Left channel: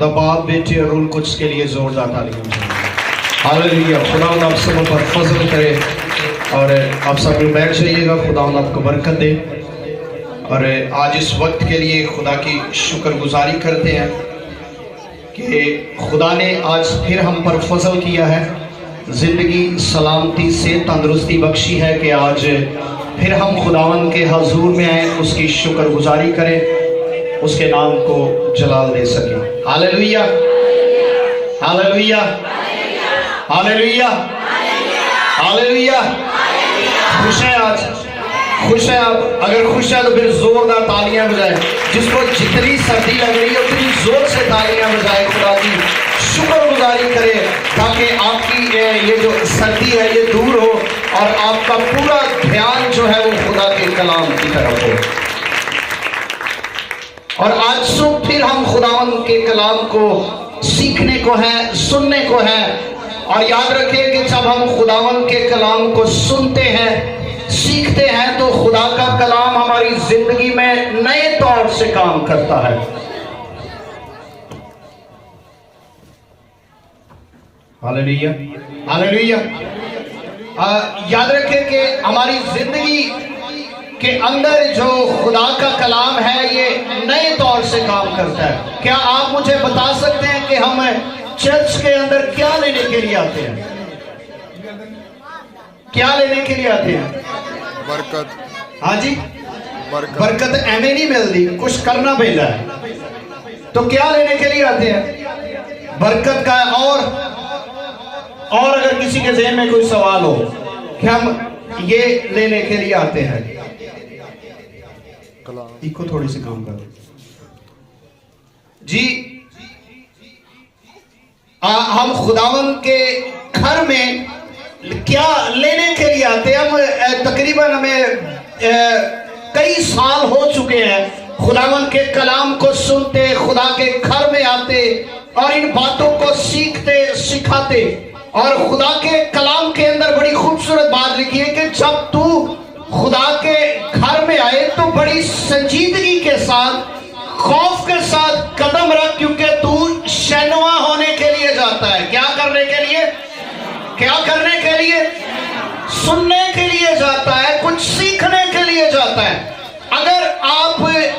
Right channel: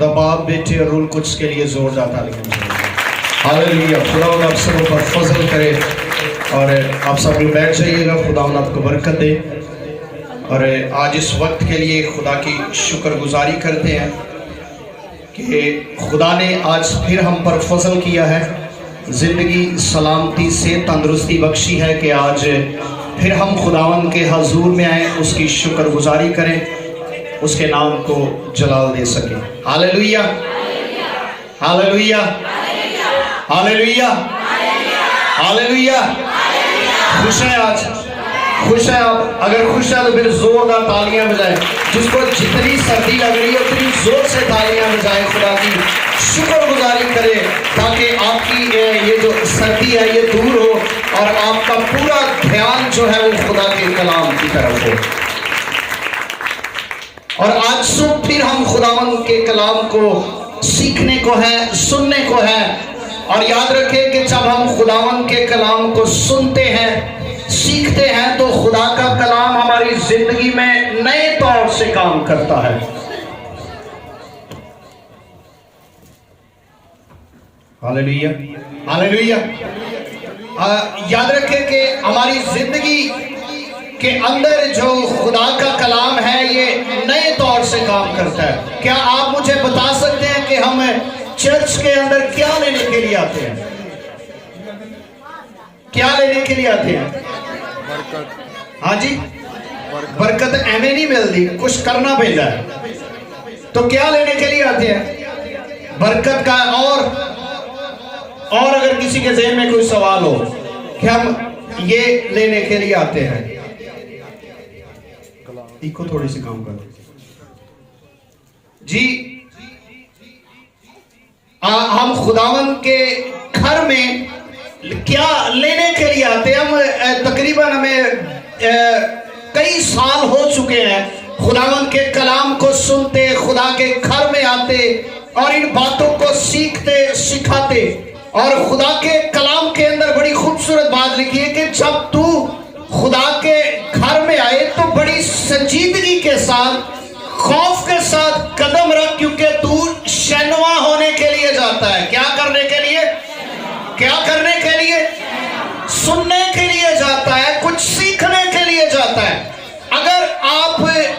खुदा बाप बेटे और रूल कुछ के लिए जोरदार तालियां। हालेलुया। खुदा आप सब पर फजल करे और आप सब लोग बैठ जाइएगा। खुदा आपको बरकत दे। और आज इस वक्त के लिए खुदा की शुक्रगुजारी करते हैं कि खुदा ने आज फिर हम पर फजल किया है, ज़िंदगी सलामती से तंदुरुस्ती बख्शी है कि आज फिर हम खुदावन के हजूर में आए, उसकी शुक्रगुजारी करें, उसके नाम को जलाल दे सकें। Hallelujah, hallelujah, hallelujah, hallelujah. खुश है आज, खुश है आप? अगर खुश है तो फिर जोरदार तालियां बजाएं। जिसको जितनी सर्दी लग रही है उतनी जोर से तालियां बजाएं, खुदा की शुक्रगुजारी करें ताकि आपकी ये जो सर्दी है ये दूर हो और आपका पूरा ध्यान जो है वो खुदा के कलाम की तरफ हो। और आज सुबह फिर हम खुदावन के कलाम को सीखने को है, सुनने को है। और याद रखें कि जब हम खुदावन के कलाम को सुनते हैं, सीखते हैं, तो खुदा का कलाम हमारी जिंदगी में नए तौर से काम करता है। Hallelujah, hallelujah. याद रखें कि हमारी जिंदगी के अंदर जो खुदा का कलाम है ये नए तौर से काम करता है। क्या आप मुझे बता सकते हैं कि हम चर्च के अंदर क्या लेने के लिए आते हैं? क्या लेने के लिए आते हैं? बरकत। हाँ जी, बरकत एवं नहीं मिलती, कुछ करना पड़ता है। तो क्या लेने के लिए आते हैं? बरकत का। और अगर किसी के ज़हन में कोई सवाल हो कि हम ये लेने के लिए आते हैं, इको थोड़ी सी काम करो जी। हम खुदावन के घर में क्या लेने के लिए आते हैं? हम तकरीबन हमें कई साल हो चुके हैं खुदावन के कलाम को सुनते, खुदा के घर में आते और इन बातों को सीखते, सिखाते। और खुदा के कलाम के अंदर बड़ी खूबसूरत बात लिखी है कि जब तू खुदा के घर में आए तो बड़ी संजीदगी के साथ, खौफ के साथ कदम रख, क्योंकि तू शैनवा होने के लिए जाता है। क्या करने के लिए? क्या करने के लिए? सुनने के लिए जाता है, कुछ सीखने के लिए जाता है। अगर आप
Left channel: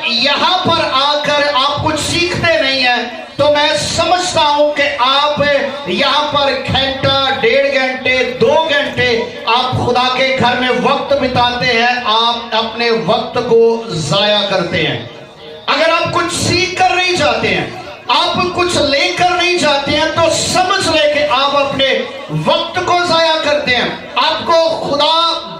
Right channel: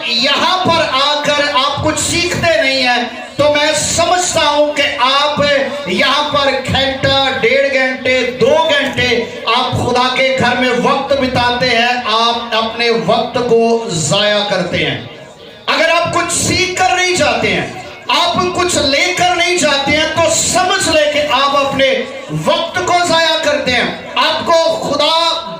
यहां पर आकर आप कुछ सीखते नहीं है तो मैं समझता हूं कि आप यहां पर घंटा, 1.5 घंटे, 2 घंटे आप खुदा के घर में वक्त बिताते हैं, आप अपने वक्त को जाया करते हैं। अगर आप कुछ सीख कर नहीं जाते हैं, आप कुछ लेकर नहीं जाते हैं, तो समझ ले कि आप अपने वक्त को जाया करते हैं। आपको खुदा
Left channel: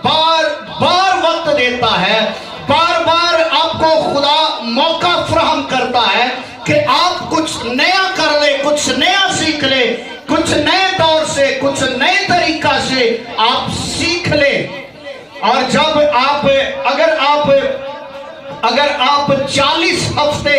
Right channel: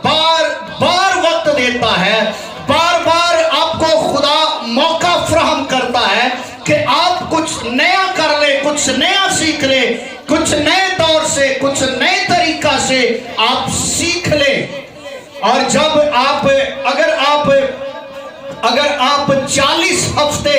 बार बार वक्त देता है, बार बार आपको खुदा मौका फराहम करता है कि आप कुछ नया कर ले, कुछ नया सीख ले, कुछ नए दौर से, कुछ नए तरीका से आप सीख ले। और जब आप अगर आप 40 हफ्ते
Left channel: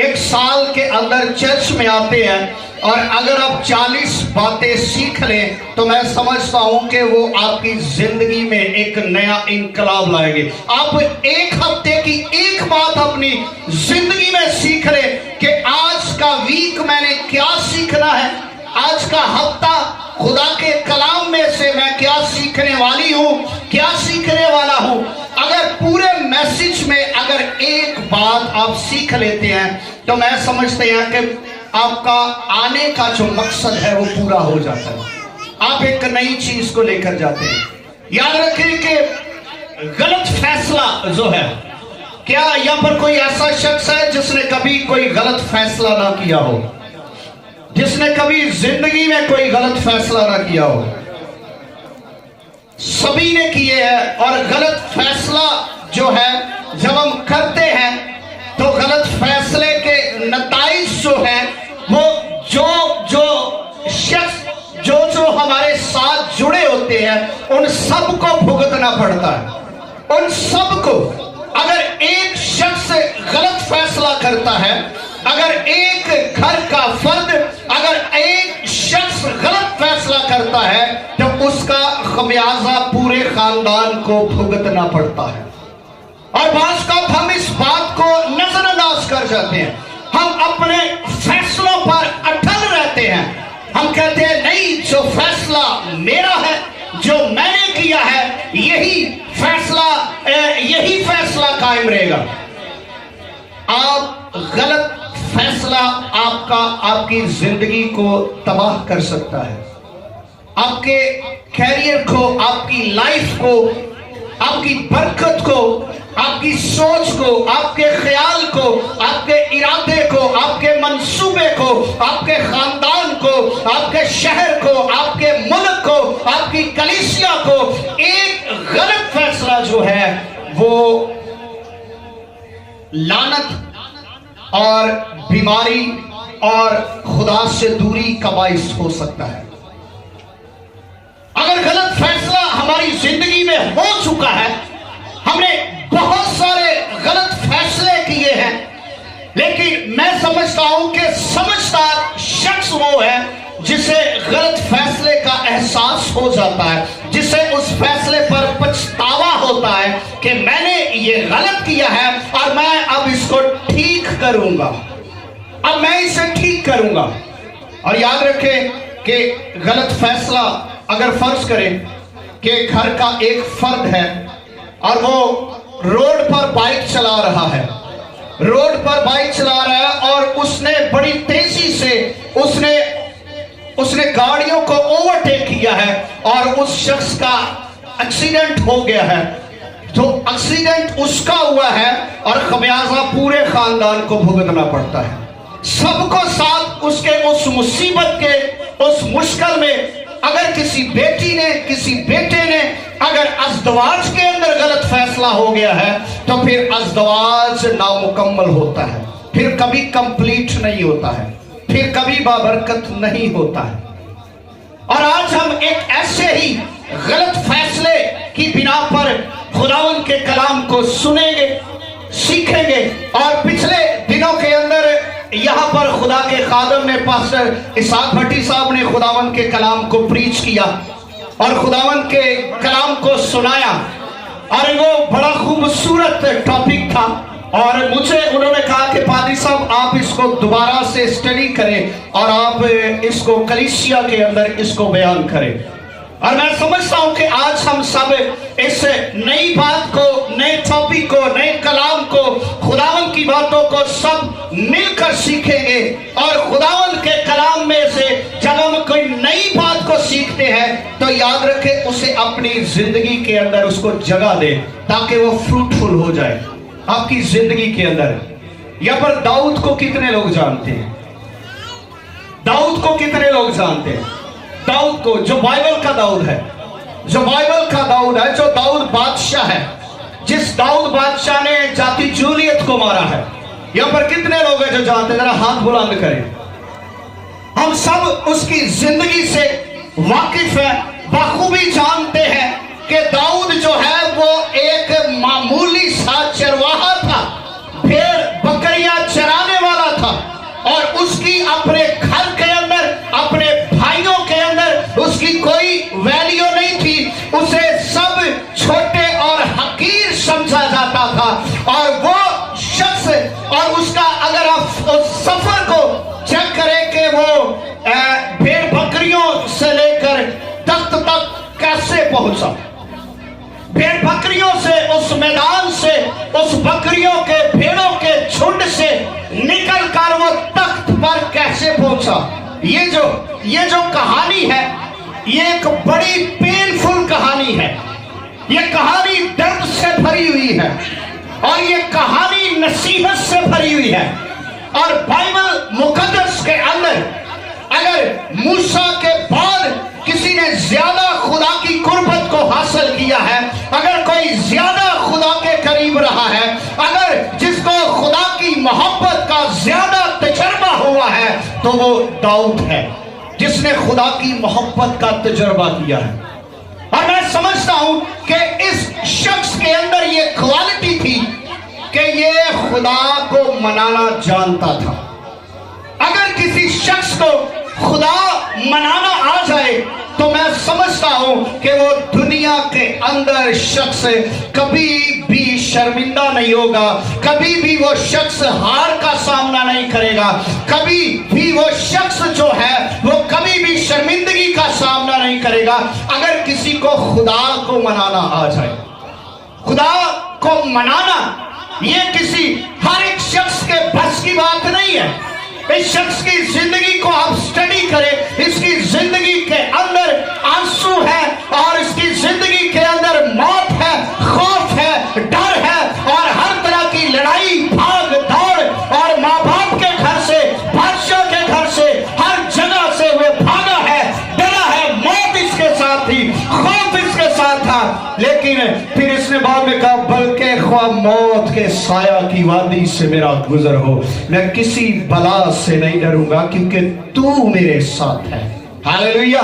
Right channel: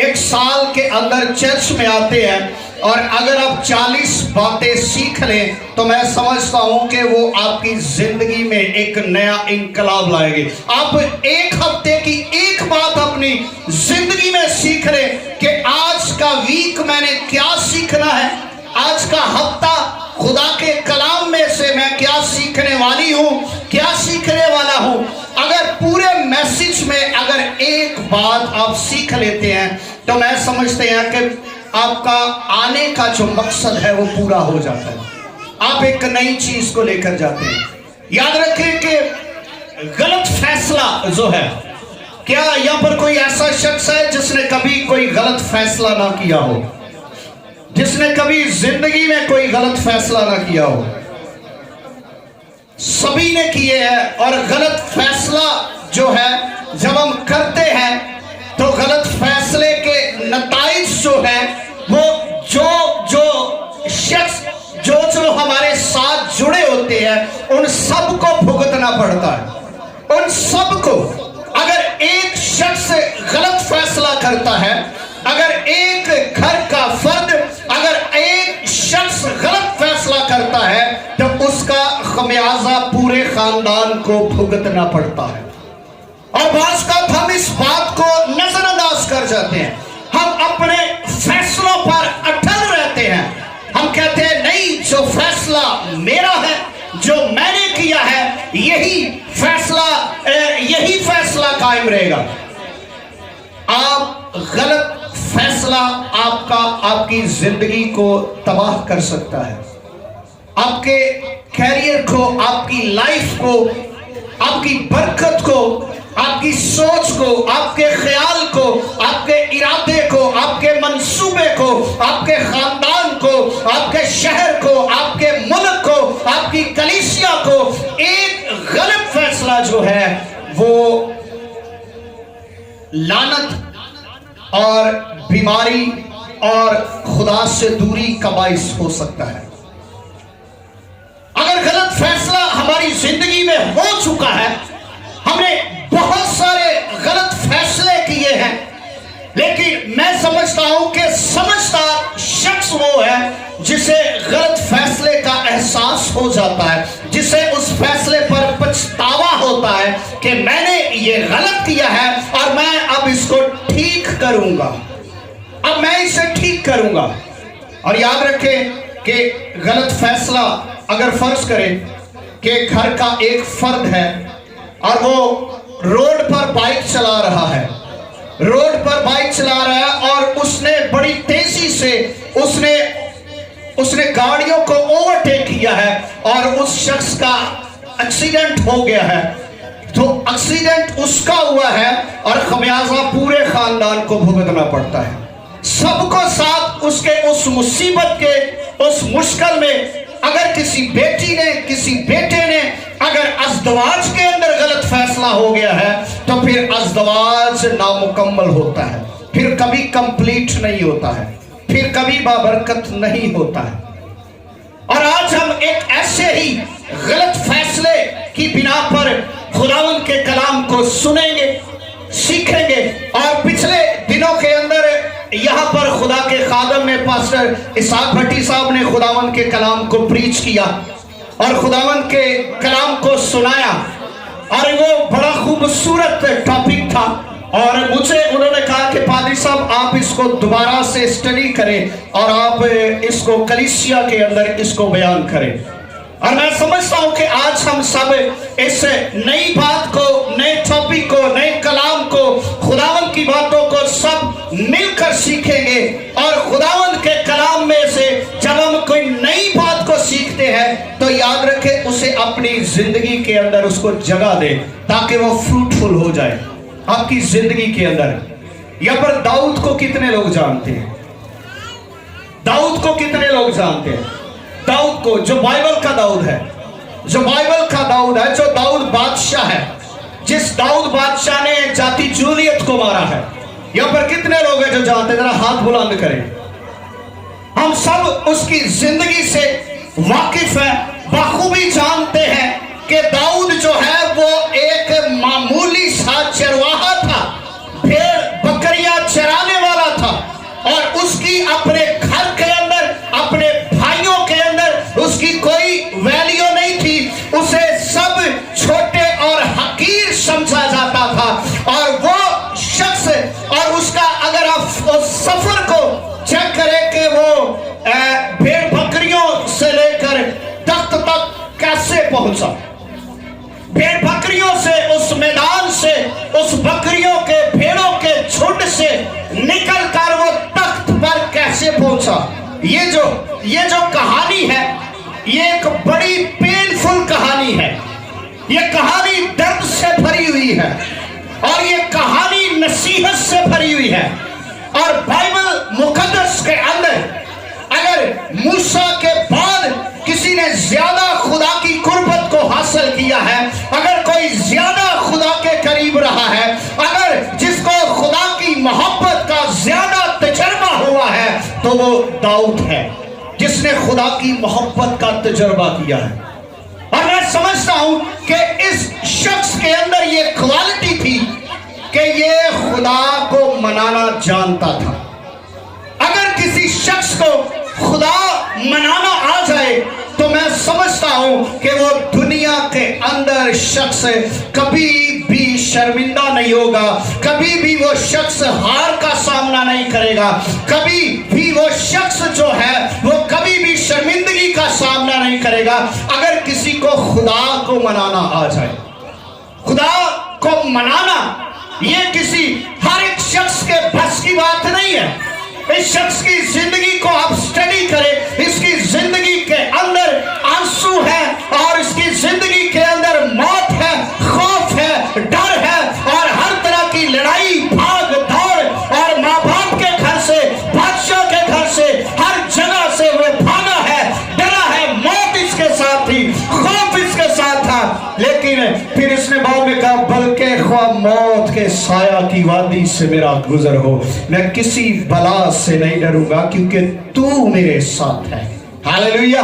एक साल के अंदर चर्च में आते हैं और अगर आप 40 बातें सीख लें तो मैं समझता हूं कि वो आपकी जिंदगी में एक नया इंकलाब लाएंगे। आप एक हफ्ते की एक बात अपनी जिंदगी में सीख लें कि आज का वीक मैंने क्या सीखना है, आज का हफ्ता खुदा के कलाम में से मैं क्या सीखने वाली हूं, क्या सीखने वाला हूं। अगर पूरे मैसेज में अगर एक बात आप सीख लेते हैं तो मैं समझते हैं कि आपका आने का जो मकसद है वो पूरा हो जाता है। आप एक नई चीज को लेकर जाते हैं। याद रखें कि गलत फैसला जो है, क्या यहां पर कोई ऐसा शख्स है जिसने कभी कोई गलत फैसला ना किया हो? जिसने कभी जिंदगी में कोई गलत फैसला ना किया हो? सभी ने किए हैं। और गलत फैसला जो है जब हम करते हैं तो गलत फैसले के नताइज जो है वो जो शख्स जो हमारे साथ जुड़े होते हैं उन सबको भुगतना पड़ता है। उन सबको। अगर एक शख्स गलत फैसला करता है, अगर एक घर का फर्द, अगर एक शख्स गलत फैसला करता है तो उसका खमियाजा पूरे खानदान को भुगतना पड़ता है। और बाज़ का हम इस बात को नजरअंदाज कर जाते हैं। ہم اپنے فیصلوں پر اٹل رہتے ہیں. ہم کہتے ہیں نہیں، جو فیصلہ میرا ہے، جو میں نے کیا ہے، یہی فیصلہ قائم رہے گا. آپ غلط فیصلہ آپ کی زندگی کو تباہ کر سکتا ہے، آپ کے کیریئر کو، آپ کی لائف کو، آپ کی برکت کو، آپ کی سوچ کو، آپ کے خیال کو، آپ کے ارادے کو، آپ کے منصوبے کو، آپ کے خاندان کو، آپ کے شہر کو، آپ کے ملک کو، آپ کی کلیسیا کو. ایک غلط فیصلہ جو ہے وہ لعنت اور بیماری اور خدا سے دوری کا باعث ہو سکتا ہے. اگر غلط فیصلہ ہماری زندگی میں ہو چکا ہے، ہم نے بہت سارے غلط فیصلے کیے ہیں، لیکن میں سمجھتا ہوں کہ سمجھدار شخص وہ ہے جسے غلط فیصلے کا احساس ہو جاتا ہے، جسے اس فیصلے پر پچھتاوا ہوتا ہے کہ میں نے یہ غلط کیا ہے اور میں اب اس کو ٹھیک کروں گا، اب میں اسے ٹھیک کروں گا. اور یاد رکھیں کہ غلط فیصلہ، اگر فرض کریں کہ گھر کا ایک فرد ہے اور وہ روڈ پر بائک چلا رہا ہے، اور اس نے بڑی تیزی سے اس نے گاڑیوں کو اوورٹیک کیا ہے اور اس شخص کا ایکسیڈنٹ ہو گیا ہے. تو ایکسیڈنٹ اس کا ہوا ہے اور خمیازہ پورے خاندان کو بھگتنا پڑتا ہے. سب کو ساتھ اس کے اس مصیبت کے اس مشکل میں اگر کسی بیٹی نے، کسی بیٹے نے اگر ازدواج کے اندر غلط فیصلہ ہو گیا ہے تو پھر ازدواج نامکمل ہوتا ہے، پھر کبھی کمپلیٹ نہیں ہوتا ہے، پھر کبھی بابرکت نہیں ہوتا ہے. اور آج ہم ایک ایسے ہی غلط فیصلے کی بنا پر خداوند کے کلام کو سنیں گے، سیکھیں گے. اور پچھلے دنوں کے اندر یہاں پر خدا کے خادم نے، پاسٹر اسحاق بھٹی صاحب نے خداوند کے کلام کو پریچ کیا اور خداوند کے کلام کو سنایا، اور وہ بڑا خوبصورت ٹاپک تھا. اور مجھے انہوں نے کہا کہ پادری صاحب آپ اس کو دوبارہ سے اسٹڈی کریں اور آپ اس کو کلیسیا کے اندر اس کو بیان کریں. اور میں سمجھتا ہوں کہ آج ہم سب اس نئی بات کو، نئے ٹاپک کو، نئے کلام کو، خداوند کی باتوں کو سب مل کر سیکھیں گے. اور خداوند کے کلام میں سے جب ہم کوئی نئی بات کو سیکھتے ہیں تو یاد رکھیں اسے اپنی زندگی کے اندر اس کو جگہ دے تاکہ وہ فروٹفل ہو جائے آپ کی زندگی کے اندر. یہاں پر داؤد کو کتنے لوگ جانتے ہیں؟ داؤد کو کتنے لوگ جانتے ہیں؟ داؤد کو، جو بائبل کا داؤد ہے، جو داؤد بادشاہ ہے، جس داؤد بادشاہ نے جاتی جولیت کو مارا ہے. یہاں پر کتنے لوگ ہیں جو جانتے ہیں؟ ذرا ہاتھ بلند کریں. ہم سب اس کی زندگی سے واقف ہیں، بخوبی جانتے ہیں کہ داؤد جو ہے وہ ایک معمولی سا چرواہا تھا، بھیڑ بکریاں چرانے والا تھا، اور اس کی اپنے گھر کے اندر، اپنے بھائیوں کے اندر اس کی کوئی ویلیو نہیں تھی. اسے سب چھوٹے اور حقیر سمجھا جاتا تھا. اور وہ شخص، اور اس کا اگر آپ اس سفر کو چیک کریں کہ وہ بھیڑ بکریوں سے لے کر تخت تک کیسے پہنچا، بھیڑ بکریوں سے، اس میدان سے، اس بکریوں کے، بھیڑوں کے جھنڈ سے نکل کر وہ تخت پر کیسے پہنچا. یہ جو کہانی ہے یہ ایک بڑی پینفل کہانی ہے. یہ کہانی درد سے بھری ہوئی ہے اور یہ کہانی نصیحت سے بھری ہوئی ہے. اور بائبل مقدس کے اندر اگر موسیٰ کے بعد کسی نے زیادہ خدا کی قربت کو حاصل کیا ہے، اگر کوئی زیادہ خدا کے قریب رہا ہے، اگر جس کو خدا کی محبت کا زیادہ تجربہ ہوا ہے تو وہ داؤد ہے جس نے خدا کی محبت کا تجربہ کیا ہے. اور میں سمجھتا ہوں کہ اس شخص کے اندر یہ کوالٹی تھی کہ یہ خدا کو منانا جانتا تھا. اگر کسی شخص کو خدا منانا آ جائے تو میں سمجھتا ہوں کہ وہ دنیا کے अंदर शख्स कभी भी शर्मिंदा नहीं होगा, कभी भी वो शख्स हार का सामना नहीं करेगा, कभी भी वो शख्स जो है वो कभी भी शर्मिंदगी का सामना नहीं करेगा अगर किसी को खुदा को मनाना आ जाए। खुदा को मनाना ये किसी हर एक शख्स के बस की बात नहीं है। इस शख्स की जिंदगी को आप स्टडी करें, इसकी जिंदगी के अंदर आंसू है और इसकी जिंदगी के अंदर मौत है, खौफ है, डर है और हर तरह की लड़ाई, भाग दौड़, और माँ बाप के घर से, बादशाह के घर से, हर जगह से वो भागा है, डरा है, मौत इसके साथ थी, खौफ इसके साथ था। लेकिन फिर इसने बाद में कहा, बल्कि ख्वाह मौत के साया की वादी से मेरा गुजर हो, मैं किसी बला से नहीं डरूंगा क्योंकि तू मेरे साथ है। हालेलुया।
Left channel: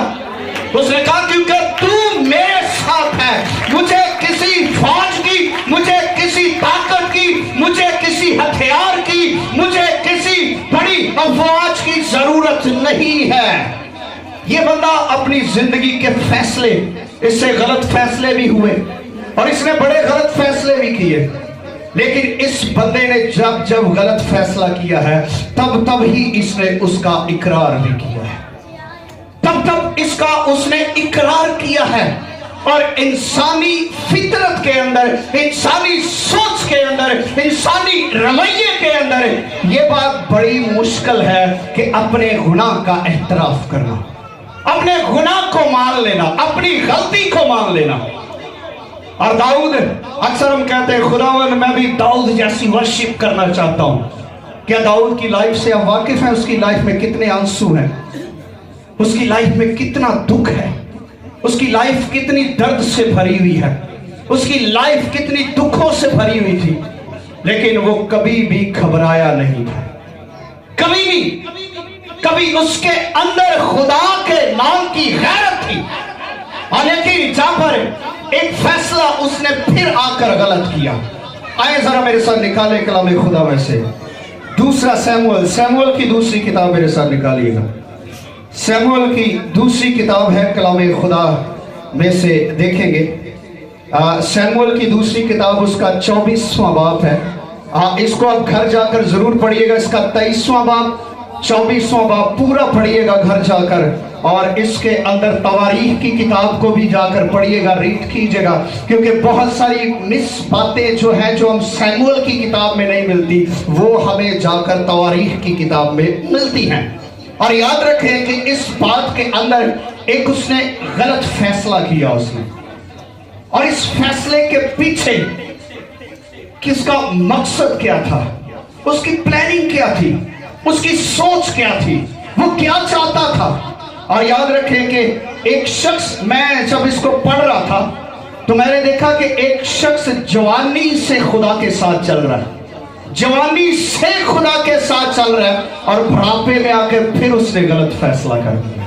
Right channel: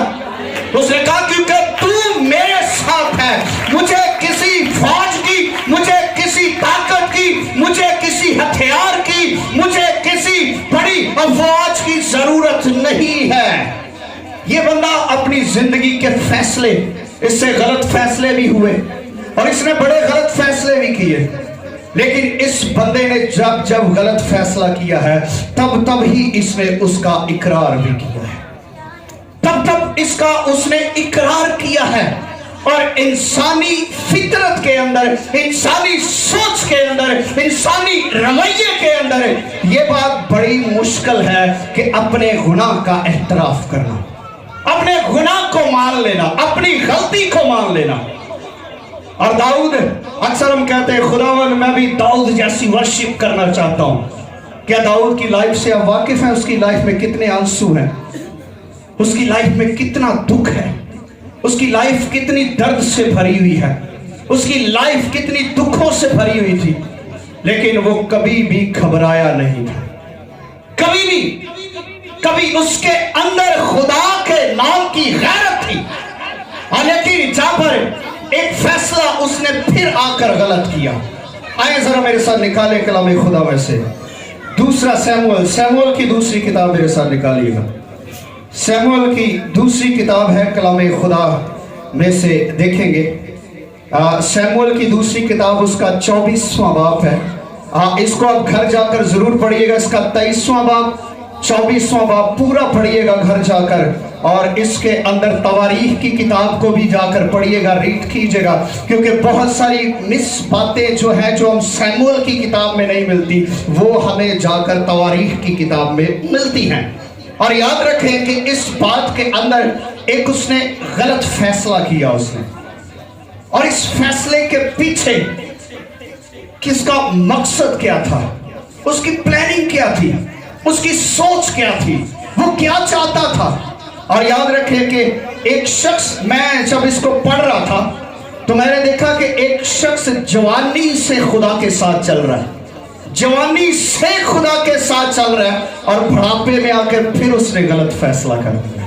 उसने कहा क्योंकि तू मेरे साथ है, मुझे किसी फौज की, मुझे किसी ताकत की, मुझे किसी हथियार की, मुझे किसी बड़ी अफवाज की जरूरत नहीं है। ये बंदा अपनी जिंदगी के फैसले, इससे गलत फैसले भी हुए और इसने बड़े गलत फैसले भी किए, लेकिन इस बंदे ने जब जब गलत फैसला किया है तब ही इसने उसका इकरार भी किया है, तब इसका उसने इकरार किया है। और इंसानी फितरत के अंदर, इंसानी सोच के अंदर, इंसानी रवैये के अंदर ये बात बड़ी मुश्किल है कि अपने गुनाह का एहतराफ करना, अपने गुनाह को मान लेना, अपनी गलती को मान लेना। और दाऊद, अक्सर हम कहते हैं खुदावन मैं भी दाऊद जैसी वर्शिप करना चाहता हूं। क्या दाऊद की लाइफ से आप वाकिफ हैं? उसकी लाइफ में कितने आंसू हैं, उसकी लाइफ में कितना दुख है, उसकी लाइफ कितनी दर्द से भरी हुई है, उसकी लाइफ कितनी दुखों से भरी हुई थी, लेकिन वो कभी भी घबराया नहीं था, कभी भी। कभी उसके अंदर खुदा के नाम की गैरत थी। और लेकिन जहां पर एक फैसला उसने फिर आकर गलत किया। आए जरा मेरे साथ निकाले कलाम खुदा में से दूसरा सैमुअल की दूसरी किताब मेरे साथ निकालिएगा। सैमुअल की दूसरी किताब है कलाम खुदा में से, देखेंगे सैमुअल की दूसरी किताब उसका 24वां बाब है। इसको आप घर जाकर जरूर पढ़िएगा, इसका 23वां बाब, 24वां बाब पूरा पढ़िएगा घर जाकर। और इसके अंदर तवारीख की किताब को भी जाकर पढ़िएगा, रीड कीजिएगा, क्योंकि बहुत सारी मिस बातें जो हैं जो हम सैमुअल की किताब में नहीं मिलती वो हमें जाकर तवारीख की किताब में मिलती हैं। और याद रखें कि इस बात के अंदर एक उसने गलत फैसला किया उसने, और इस फैसले के पीछे किसका मकसद क्या था, उसकी प्लानिंग क्या थी, उसकी सोच क्या थी, वो क्या चाहता था। और याद रखें कि एक शख्स, मैं जब इसको पढ़ रहा था तो मैंने देखा कि एक शख्स जवानी से खुदा के साथ चल रहा है, जवानी से खुदा के साथ चल रहा है, और बुढ़ापे में आकर फिर उसने गलत फैसला कर दिया।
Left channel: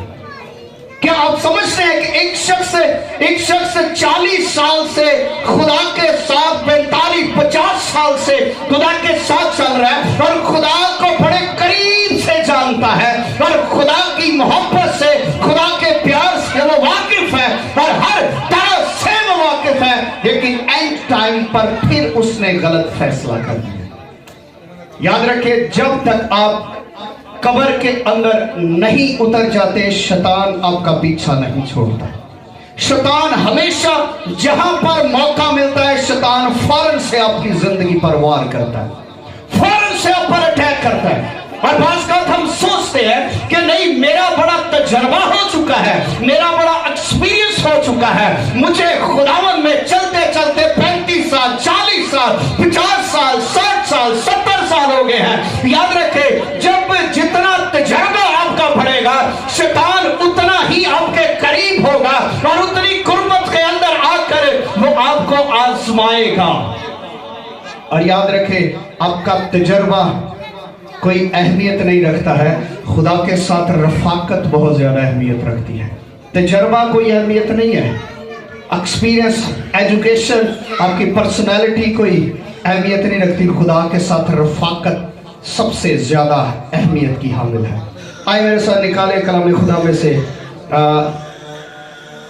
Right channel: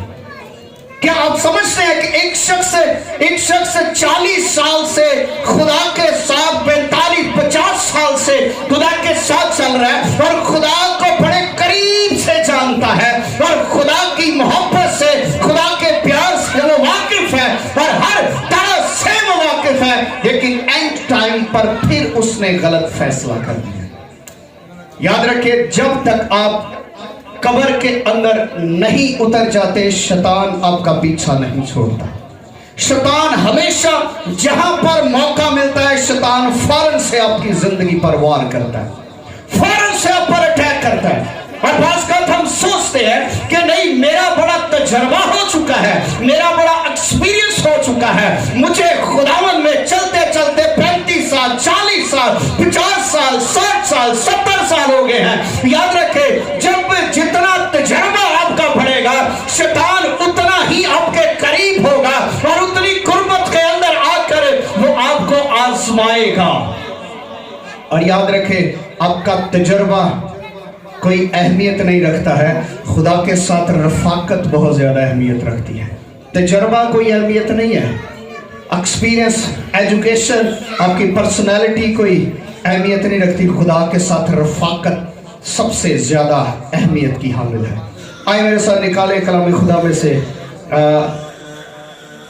क्या आप समझते हैं कि एक शख्स 40 साल से खुदा के साथ, 45-50 साल से खुदा के साथ चल रहा है और खुदा को बड़े करीब से जानता है और खुदा की मोहब्बत से, खुदा के प्यार से वो वाकिफ है और हर तरह से वो वाकिफ है, लेकिन एंड टाइम पर फिर उसने गलत फैसला कर दिया। याद रखिए, जब तक आप कब्र के अंदर नहीं उतर जाते शैतान आपका पीछा नहीं छोड़ता। शैतान हमेशा जहां पर मौका मिलता है शैतान फौरन से आपकी जिंदगी पर वार करता है, फौरन से आप पर अटैक करता है। और बात हम सोचते हैं कि नहीं, मेरा बड़ा तजर्बा हो चुका है, मेरा बड़ा एक्सपीरियंस हो चुका है, मुझे खुदावन में चलते चलते 35 साल, 40 साल, 50 साल, 60 साल, 70 साल हो गए हैं। याद रखें, जब जितना तजर्बा आपका बढ़ेगा शैतान उतना ही आपके करीब होगा और उतनी कुर्बत के अंदर आकर वो आपको आजमाएगा। और याद रखें, आपका तजर्बा कोई अहमियत नहीं रखता है, खुदा के साथ रफाकत बहुत ज्यादा अहमियत रखती है। तजर्बा कोई अहमियत नहीं है, एक्सपीरियंस, एजुकेशन, आपकी पर्सनैलिटी कोई अहमियत नहीं रखती, खुदा के साथ रफाकत सबसे ज्यादा अहमियत की हामिल है। आए मेरे साथ निकाले कलाम खुदा में से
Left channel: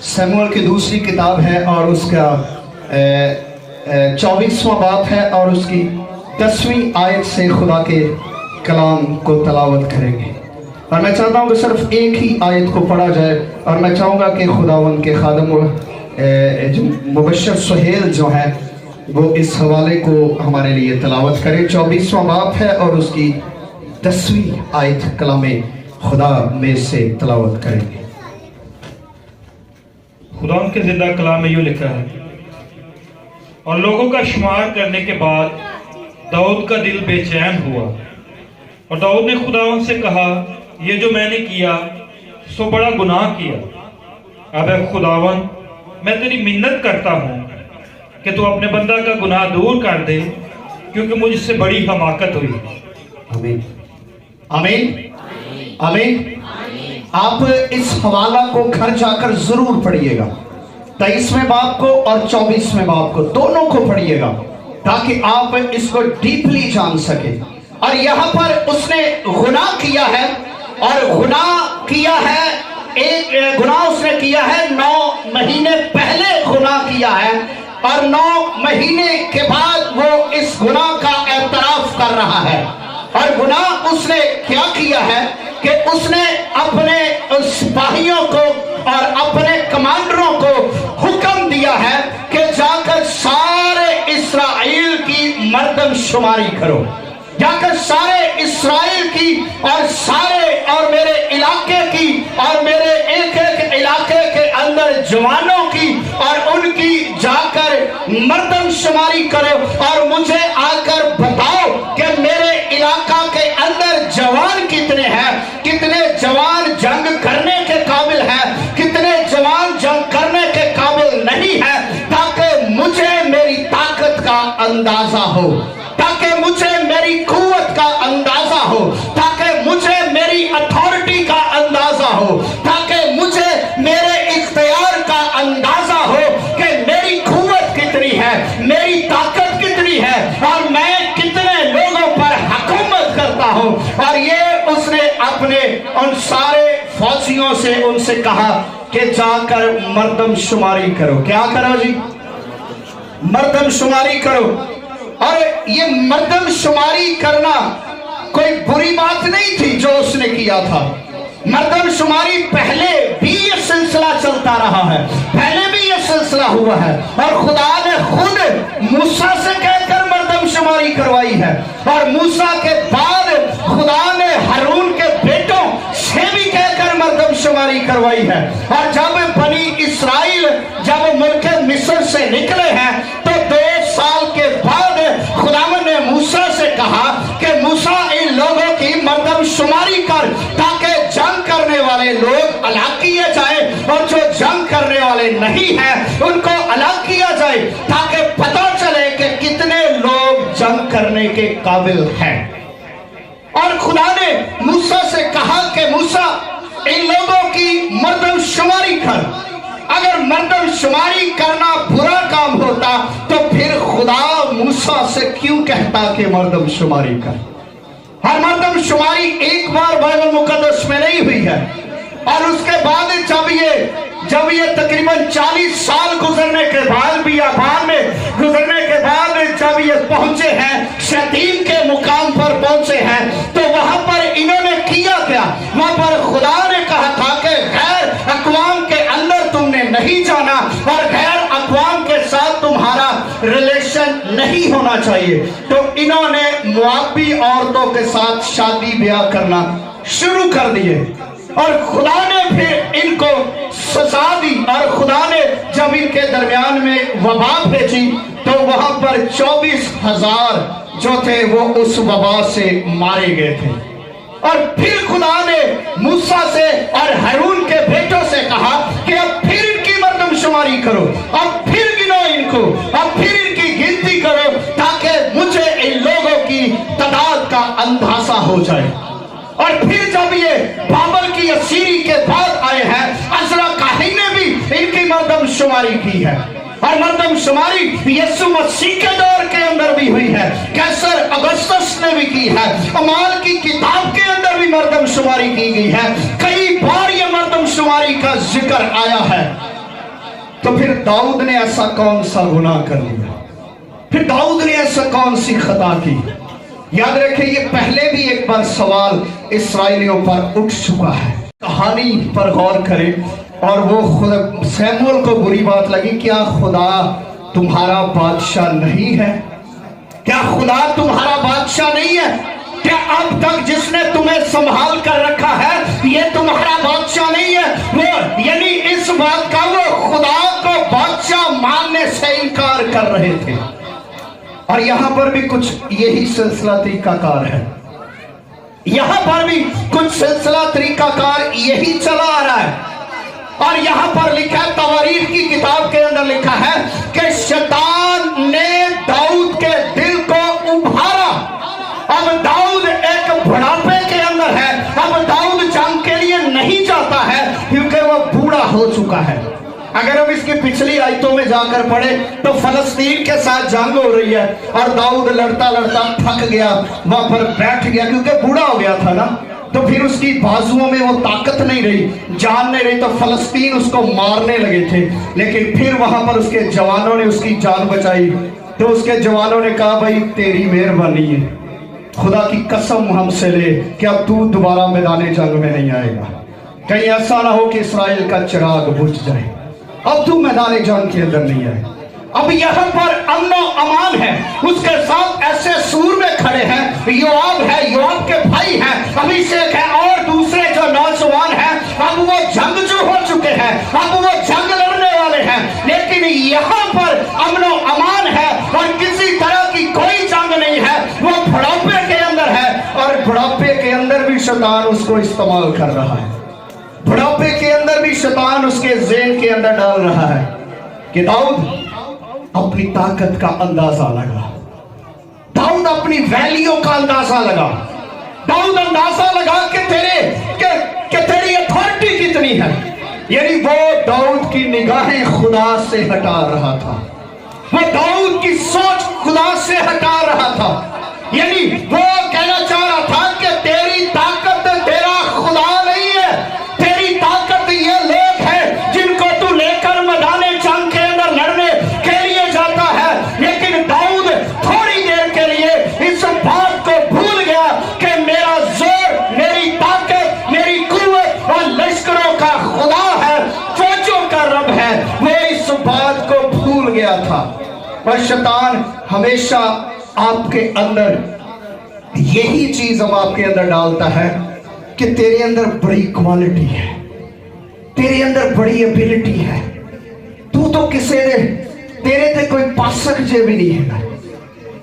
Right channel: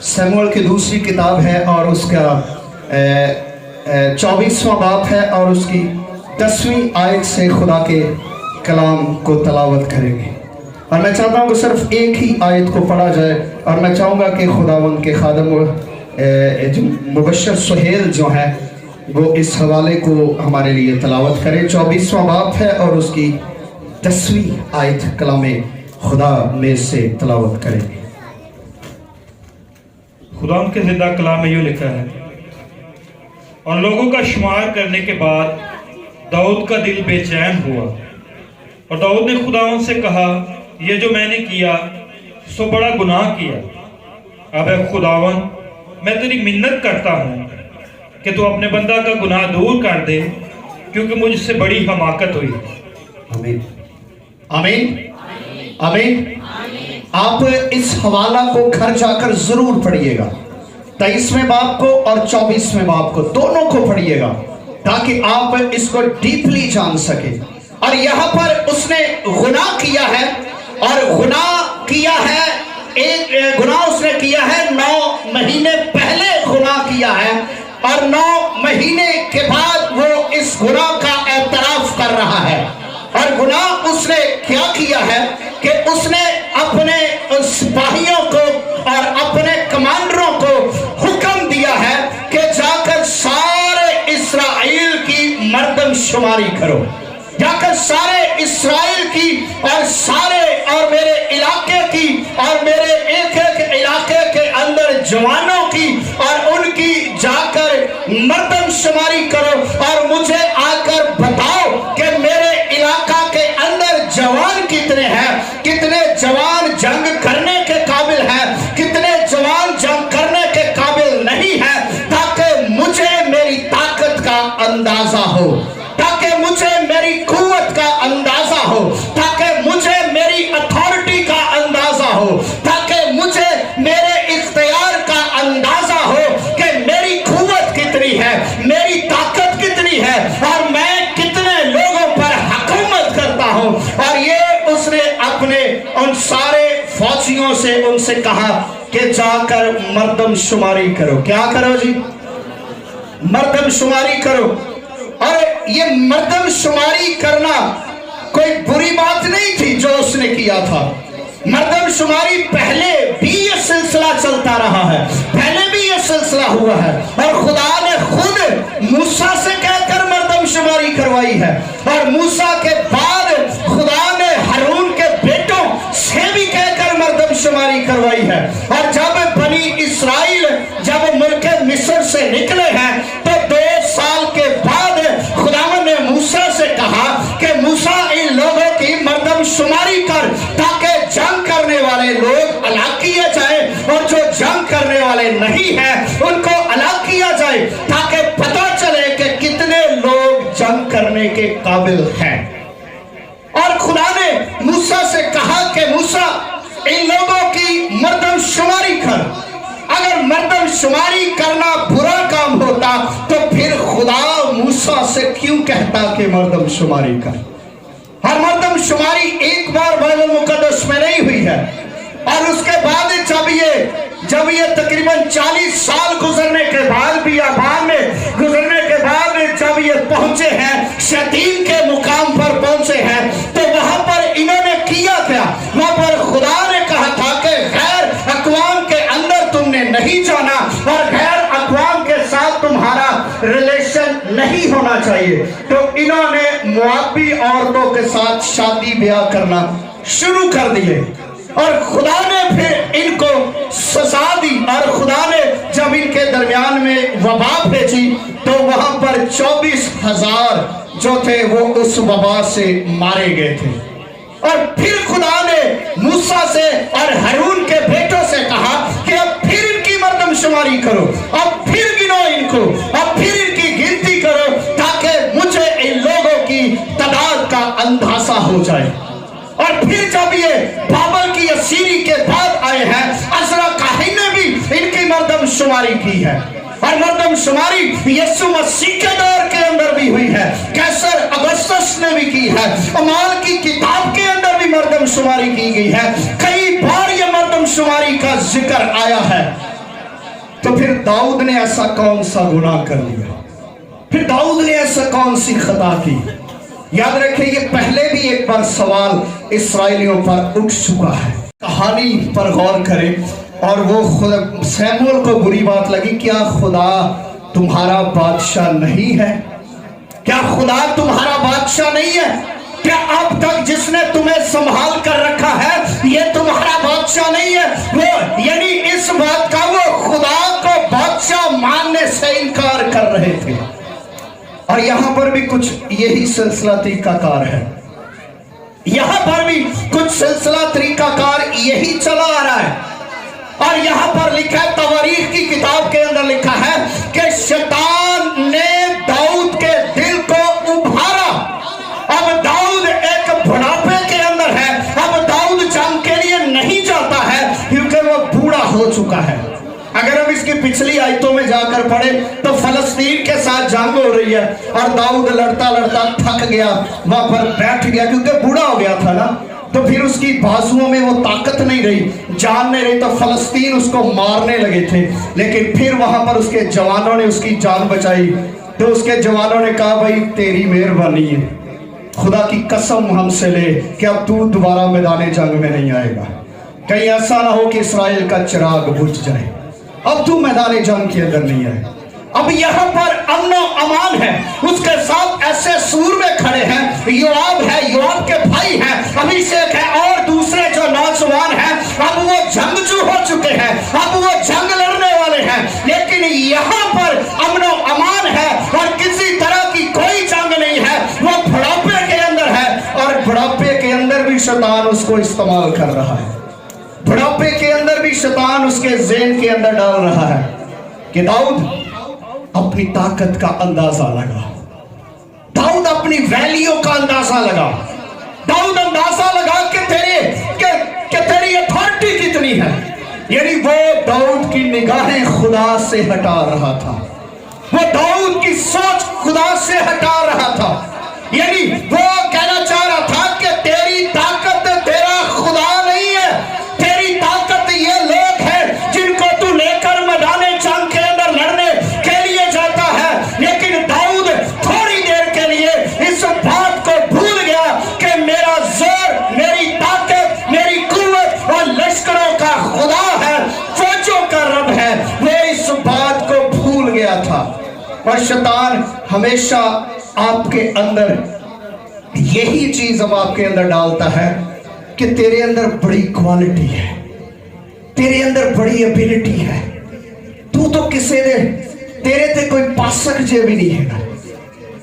سموئیل کی دوسری کتاب ہے اور اس کا 24واں باب ہے اور اس کی 10ویں آیت سے خدا کے کلام کو تلاوت کریں گے. اور میں چاہتا ہوں کہ صرف ایک ہی آیت کو پڑھا جائے اور میں چاہوں گا کہ خداوند کے خادم مبشر سہیل جو ہے وہ اس حوالے کو ہمارے لیے تلاوت کرے. 24واں باب ہے اور اس کی 10ویں آیت کلام خدا میں سے تلاوت کریں گے. خدا کے زندہ کلام میں یوں لکھا ہے: اور لوگوں کا شمار کرنے کے بعد داؤد کا دل بے چین ہوا، اور داؤد نے خداوند سے کہا، یہ جو میں نے کیا سو بڑا گناہ کیا. اب اے خداوند، میں تیری منت کرتا ہوں کہ تو اپنے بندہ کا گناہ دور کر دے، کیونکہ مجھ سے بڑی حماقت ہوئی. آمین آمین آمین. آپ اس حوالہ کو گھر جا کر ضرور پڑھیے گا. 23ویں باب کو اور 24ویں باب کو دونوں کو پڑھیے گا تاکہ آپ اس کو ڈیپلی جان سکیں. اور یہاں پر اس نے گناہ کیا ہے، اور گناہ کیا ہے، ایک گناہ اس نے کیا ہے 9 مہینے پہلے گناہ کیا ہے، اور 9 مہینے کے بعد وہ اس گناہ کا اعتراف کر رہا ہے. اور گناہ اس نے کیا کیا ہے کہ اس نے اپنے سپاہیوں کو اور اپنے کمانڈروں کو حکم دیا ہے کہ جا کر سارے اسرائیل کی مردم شماری کرو. جا کر سارے اسرائیل کی اور سارے اور میرے علاقے کی اور میرے ایک ایک علاقے کے اندر جوانوں کی اور ان کی جا کر مردم شماری کرو، اور مجھے آ کر بتاؤ کہ میرے علاقہ کے اندر جوان کتنے ہیں، کتنے جوان جنگ کرنے کے قابل ہیں، کتنے جوان جنگ کرنے کے قابل نہیں ہیں، تاکہ مجھے میری طاقت کا اندازہ ہو، تاکہ مجھے میری قوت کا اندازہ ہو، تاکہ مجھے میری اتھارٹی کا اندازہ ہو، تاکہ مجھے میرے اختیار کا اندازہ ہو کہ میری قوت کتنی ہے، میری طاقت کتنی ہے، اور میں کتنے لوگوں پر حکومت کرتا ہوں. اور یہ اس نے اپنے ان سارے فوجیوں سے ان سے کہا کہ جا کر مردم شماری کرو. کیا کرو جی؟ مردم شماری کرو. اور یہ مردم شماری کرنا کوئی بری بات نہیں تھی جو اس نے کیا تھا. مردم شماری پہلے بھی یہ سلسلہ چلتا رہا ہے، پہلے بھی یہ سلسلہ ہوا ہے، اور خدا نے خود موسیٰ سے کہہ کر مردم شماری کروائی ہے، اور موسیٰ کے بعد خدا نے ہارون کے بیٹوں سے بھی کہہ کر مردم شماری کروائی ہے. اور جب بنی اسرائیل جب ملک مصر سے نکلے ہیں تو 2 سال کے بعد خداوند نے موسیٰ سے کہا کہ موسیٰ ان لوگوں کی مردم شماری کر، تاکہ جنگ کرنے والے لوگ الگ کیے جائیں اور جو جنگ کرنے والے نہیں ہیں ان کو الگ کیا جائے، تاکہ پتہ چلے کہ کتنے لوگ جنگ کرنے کے قابل ہیں. اور خدا نے موسیٰ سے کہا کہ موسیٰ ان لوگوں کی مردم شماری کر. اگر مردم شماری کرنا برا کام ہوتا تو پھر خدا موسیٰ سے کیوں کہتا کہ مردم شماری کر؟ اور مردم شماری ایک بار بائبل مقدس میں نہیں ہوئی ہے، اور اس کے بعد جب یہ تقریباً 40 سال گزرنے کے بعد بیابان میں گزرنے کے بعد جب یہ پہنچے ہیں، شتیم کے مقام پر پہنچے ہیں، تو وہاں پر انہوں نے کیا کیا؟ وہاں پر خدا نے کہا تھا کہ غیر اقوام کے اندر تم نے نہیں جانا، اور غیر اقوام کے ساتھ تمہارا ریلیشن نہیں ہونا چاہیے. تو انہوں نے موابی عورتوں کے ساتھ شادی بیاہ کرنا شروع کر دیے، اور خدا نے پھر ان کو سزا دی. اور خدا نے جب ان کے درمیان میں وبا بھیجی تو وہاں پر 24,000 جو تھے وہ اس وبا سے مارے گئے تھے. اور پھر خدا نے موسیٰ سے اور ہارون کے بیٹوں سے کہا کہ اب پھر ان کی مردم شماری کرو، اب پھر گنو ان کو، اب پھر ان کی گنتی کرو، تاکہ مجھے ان لوگوں کی تعداد کا اندازہ ہو جائے. اور پھر جب یہ بابل کی اسیری کے بعد آئے ہیں، عزرا کاہن نے بھی ان کی مردم شماری کی ہے. اور مردم شماری یسوع مسیح کے دور کے اندر بھی ہوئی ہے، کیسر اگسطس نے بھی کی ہے، اعمال کی کتاب کے اندر بھی مردم شماری کی گئی ہے. کئی بار یہ مردم شماری کا ذکر آیا ہے. तो फिर दाऊद ने ऐसा कौन सा गुनाह कर लिया, फिर दाऊद ने ऐसा कौन सी खता की। याद रखें, ये पहले भी एक बार सवाल इस्राएलियों पर उठ चुका है। कहानी पर गौर करें और वो खुद सैमुअल को बुरी बात लगी, क्या खुदा तुम्हारा बादशाह नहीं है? क्या खुदा तुम्हारा बादशाह नहीं है? क्या अब तक जिसने तुम्हें संभाल कर रखा है ये तुम्हारा बादशाह नहीं है? वो यानी इस बात का वो खुदा को बादशाह मानने से इनकार कर रहे थे। और यहां पर भी कुछ यही सिलसिला तरीकाकार है, यहां पर भी कुछ सिलसिला तरीकाकार यही चला आ रहा है। और यहां पर लिखा है, तवारीख की किताब के अंदर लिखा है कि शैतान ने दाऊद के दिल को उभारा। अब दाऊद एक बुढ़ापे के अंदर है, अब दाऊद जंग के लिए नहीं चाहता है क्योंकि वो बूढ़ा हो चुका है। अगर हम इसकी पिछली आयतों में जाकर पढ़े तो फलस्तीन के साथ जंग हो रही है और दाऊद लड़ता लड़ता थक गया, वहां पर बैठ गया क्योंकि बूढ़ा हो गया था ना, तो फिर उसकी बाजुओं में वो ताकत नहीं रही, जान नहीं रही, तो फलस्तीन उसको मारने लगे थे। लेकिन फिर वहां पर उसके जवानों ने उसकी जान बचाई। तो उसके जवानों ने कहा, भाई तेरी मेहरबानी है, खुदा की कसम हमसे ले कि अब तू दोबारा मैदान जंग में नहीं आएगा, कहीं ऐसा ना हो कि इसराइल का चिराग बुझ जाए, अब तू मैदान जंग के अंदर नहीं आए। अब यहाँ पर अमन अमान है, उसके साथ ऐसे सूरमे खड़े हैं, योआब है, योआब के भाई हैं, अभिषेक है और दूसरे जो नौजवान हैं, अब वो जंगजू हो चुके हैं, अब वो जंग लड़ने वाले हैं। लेकिन यहाँ पर अमन अमान है और किसी तरह की कोई जंग नहीं है, वो बुढ़ापे के अंदर है और बुढ़ापे के अंदर भी शैतान उसको इस्तेमाल कर रहा है। बुढ़ापे के अंदर भी शैतान उसके ज़हन के अंदर डाल रहा है कि दाऊद अपनी ताकत का अंदाजा लगा, दाऊद अपनी वैल्यू का अंदाजा लगा, दाऊद अंदाजा लगा कि तेरी अथॉरिटी कितनी है। यानी वो दाऊद की निगाहें खुदा से हटा रहा था, वो दाऊद की सोच खुदा से हटा रहा था। यानी वो कहना चाह रहा था कि तेरी ताकत तेरा खुदा नहीं है, तेरी ताकत ये लोग हैं जिनको तू लेकर मैदान जंग के अंदर लड़ने के लिए जाता है। लेकिन दाऊद थोड़ी देर के लिए इस बात को भूल गया कि मेरा जोर, मेरी ताकत, मेरी कुव्वत और लश्करों का खुदा है, फौजों का रब है, वो इस बात को भूल गया था। और शैतान हमेशा आपके अंदर यही चीज अब आपके अंदर डालता है कि तेरे अंदर बड़ी क्वालिटी है, तेरे अंदर बड़ी एबिलिटी है, तू तो किसी ने तेरे ते कोई पासक जे भी नहीं है।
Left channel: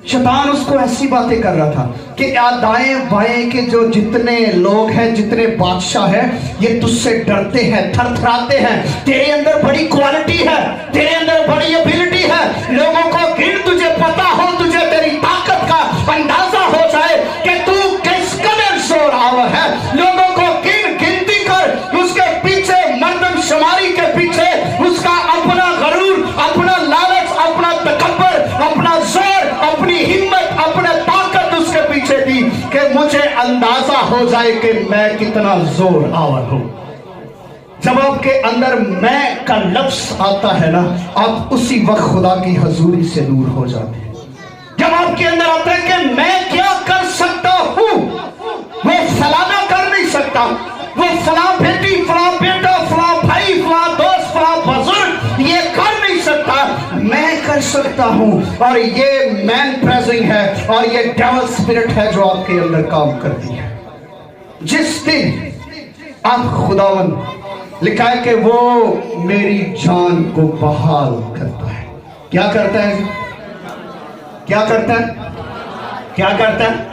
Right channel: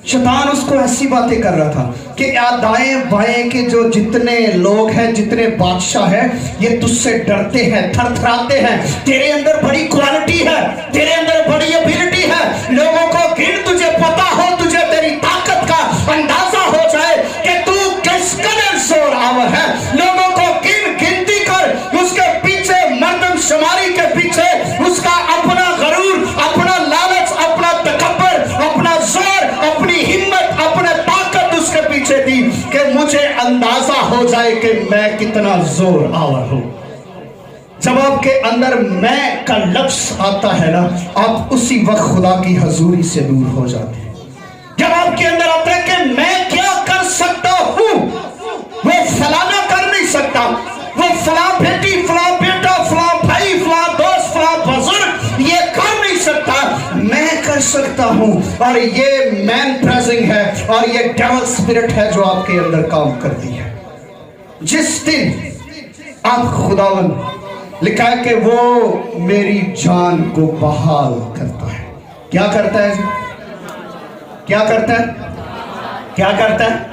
शैतान उसको ऐसी बातें कर रहा था कि दाएं बाएं के जो जितने लोग हैं, जितने बादशाह हैं, ये तुझसे डरते हैं, थरथराते हैं। तेरे अंदर बड़ी क्वालिटी है, तेरे अंदर बड़ी एबिलिटी है, लोगों को गिन तुझे पता हो, तुझे तेरी ताकत का अंदाजा हो जाए कि तू किस कदर जोरावर है। लोगों को गिनती कर, उसके पीछे मर्दन शुमारी के पीछे उसका अपना गरूर, अपना लालच, अपना तकब्बर, अपना जोर, अपनी हिम्मत, अपने ताकत उसके पीछे दी कि मुझे अंदाजा हो जाए कि मैं कितना जोर आवर हूं। जब आपके अंदर मैं का लफ्ज आता है ना, आप उसी वक्त खुदा की हजूरी से दूर हो जाते हैं। जब आपके अंदर आता है कि मैं क्या कर सकता हूं, वो फलाना कर नहीं सकता, वो फला बेटी, फला बेटा, फला भाई, फला दोस्त, फला बुजुर्ग ये कर नहीं सकता, मैं कर सकता हूं। और ये मैन प्रेजिंग है और ये डेविल स्पिरिट है जो आपके अंदर काम करती है। जिस दिन आप खुदावन लिखा है कि वो मेरी जान को बहाल करता है। क्या करता है जी? क्या करता है? क्या करता है?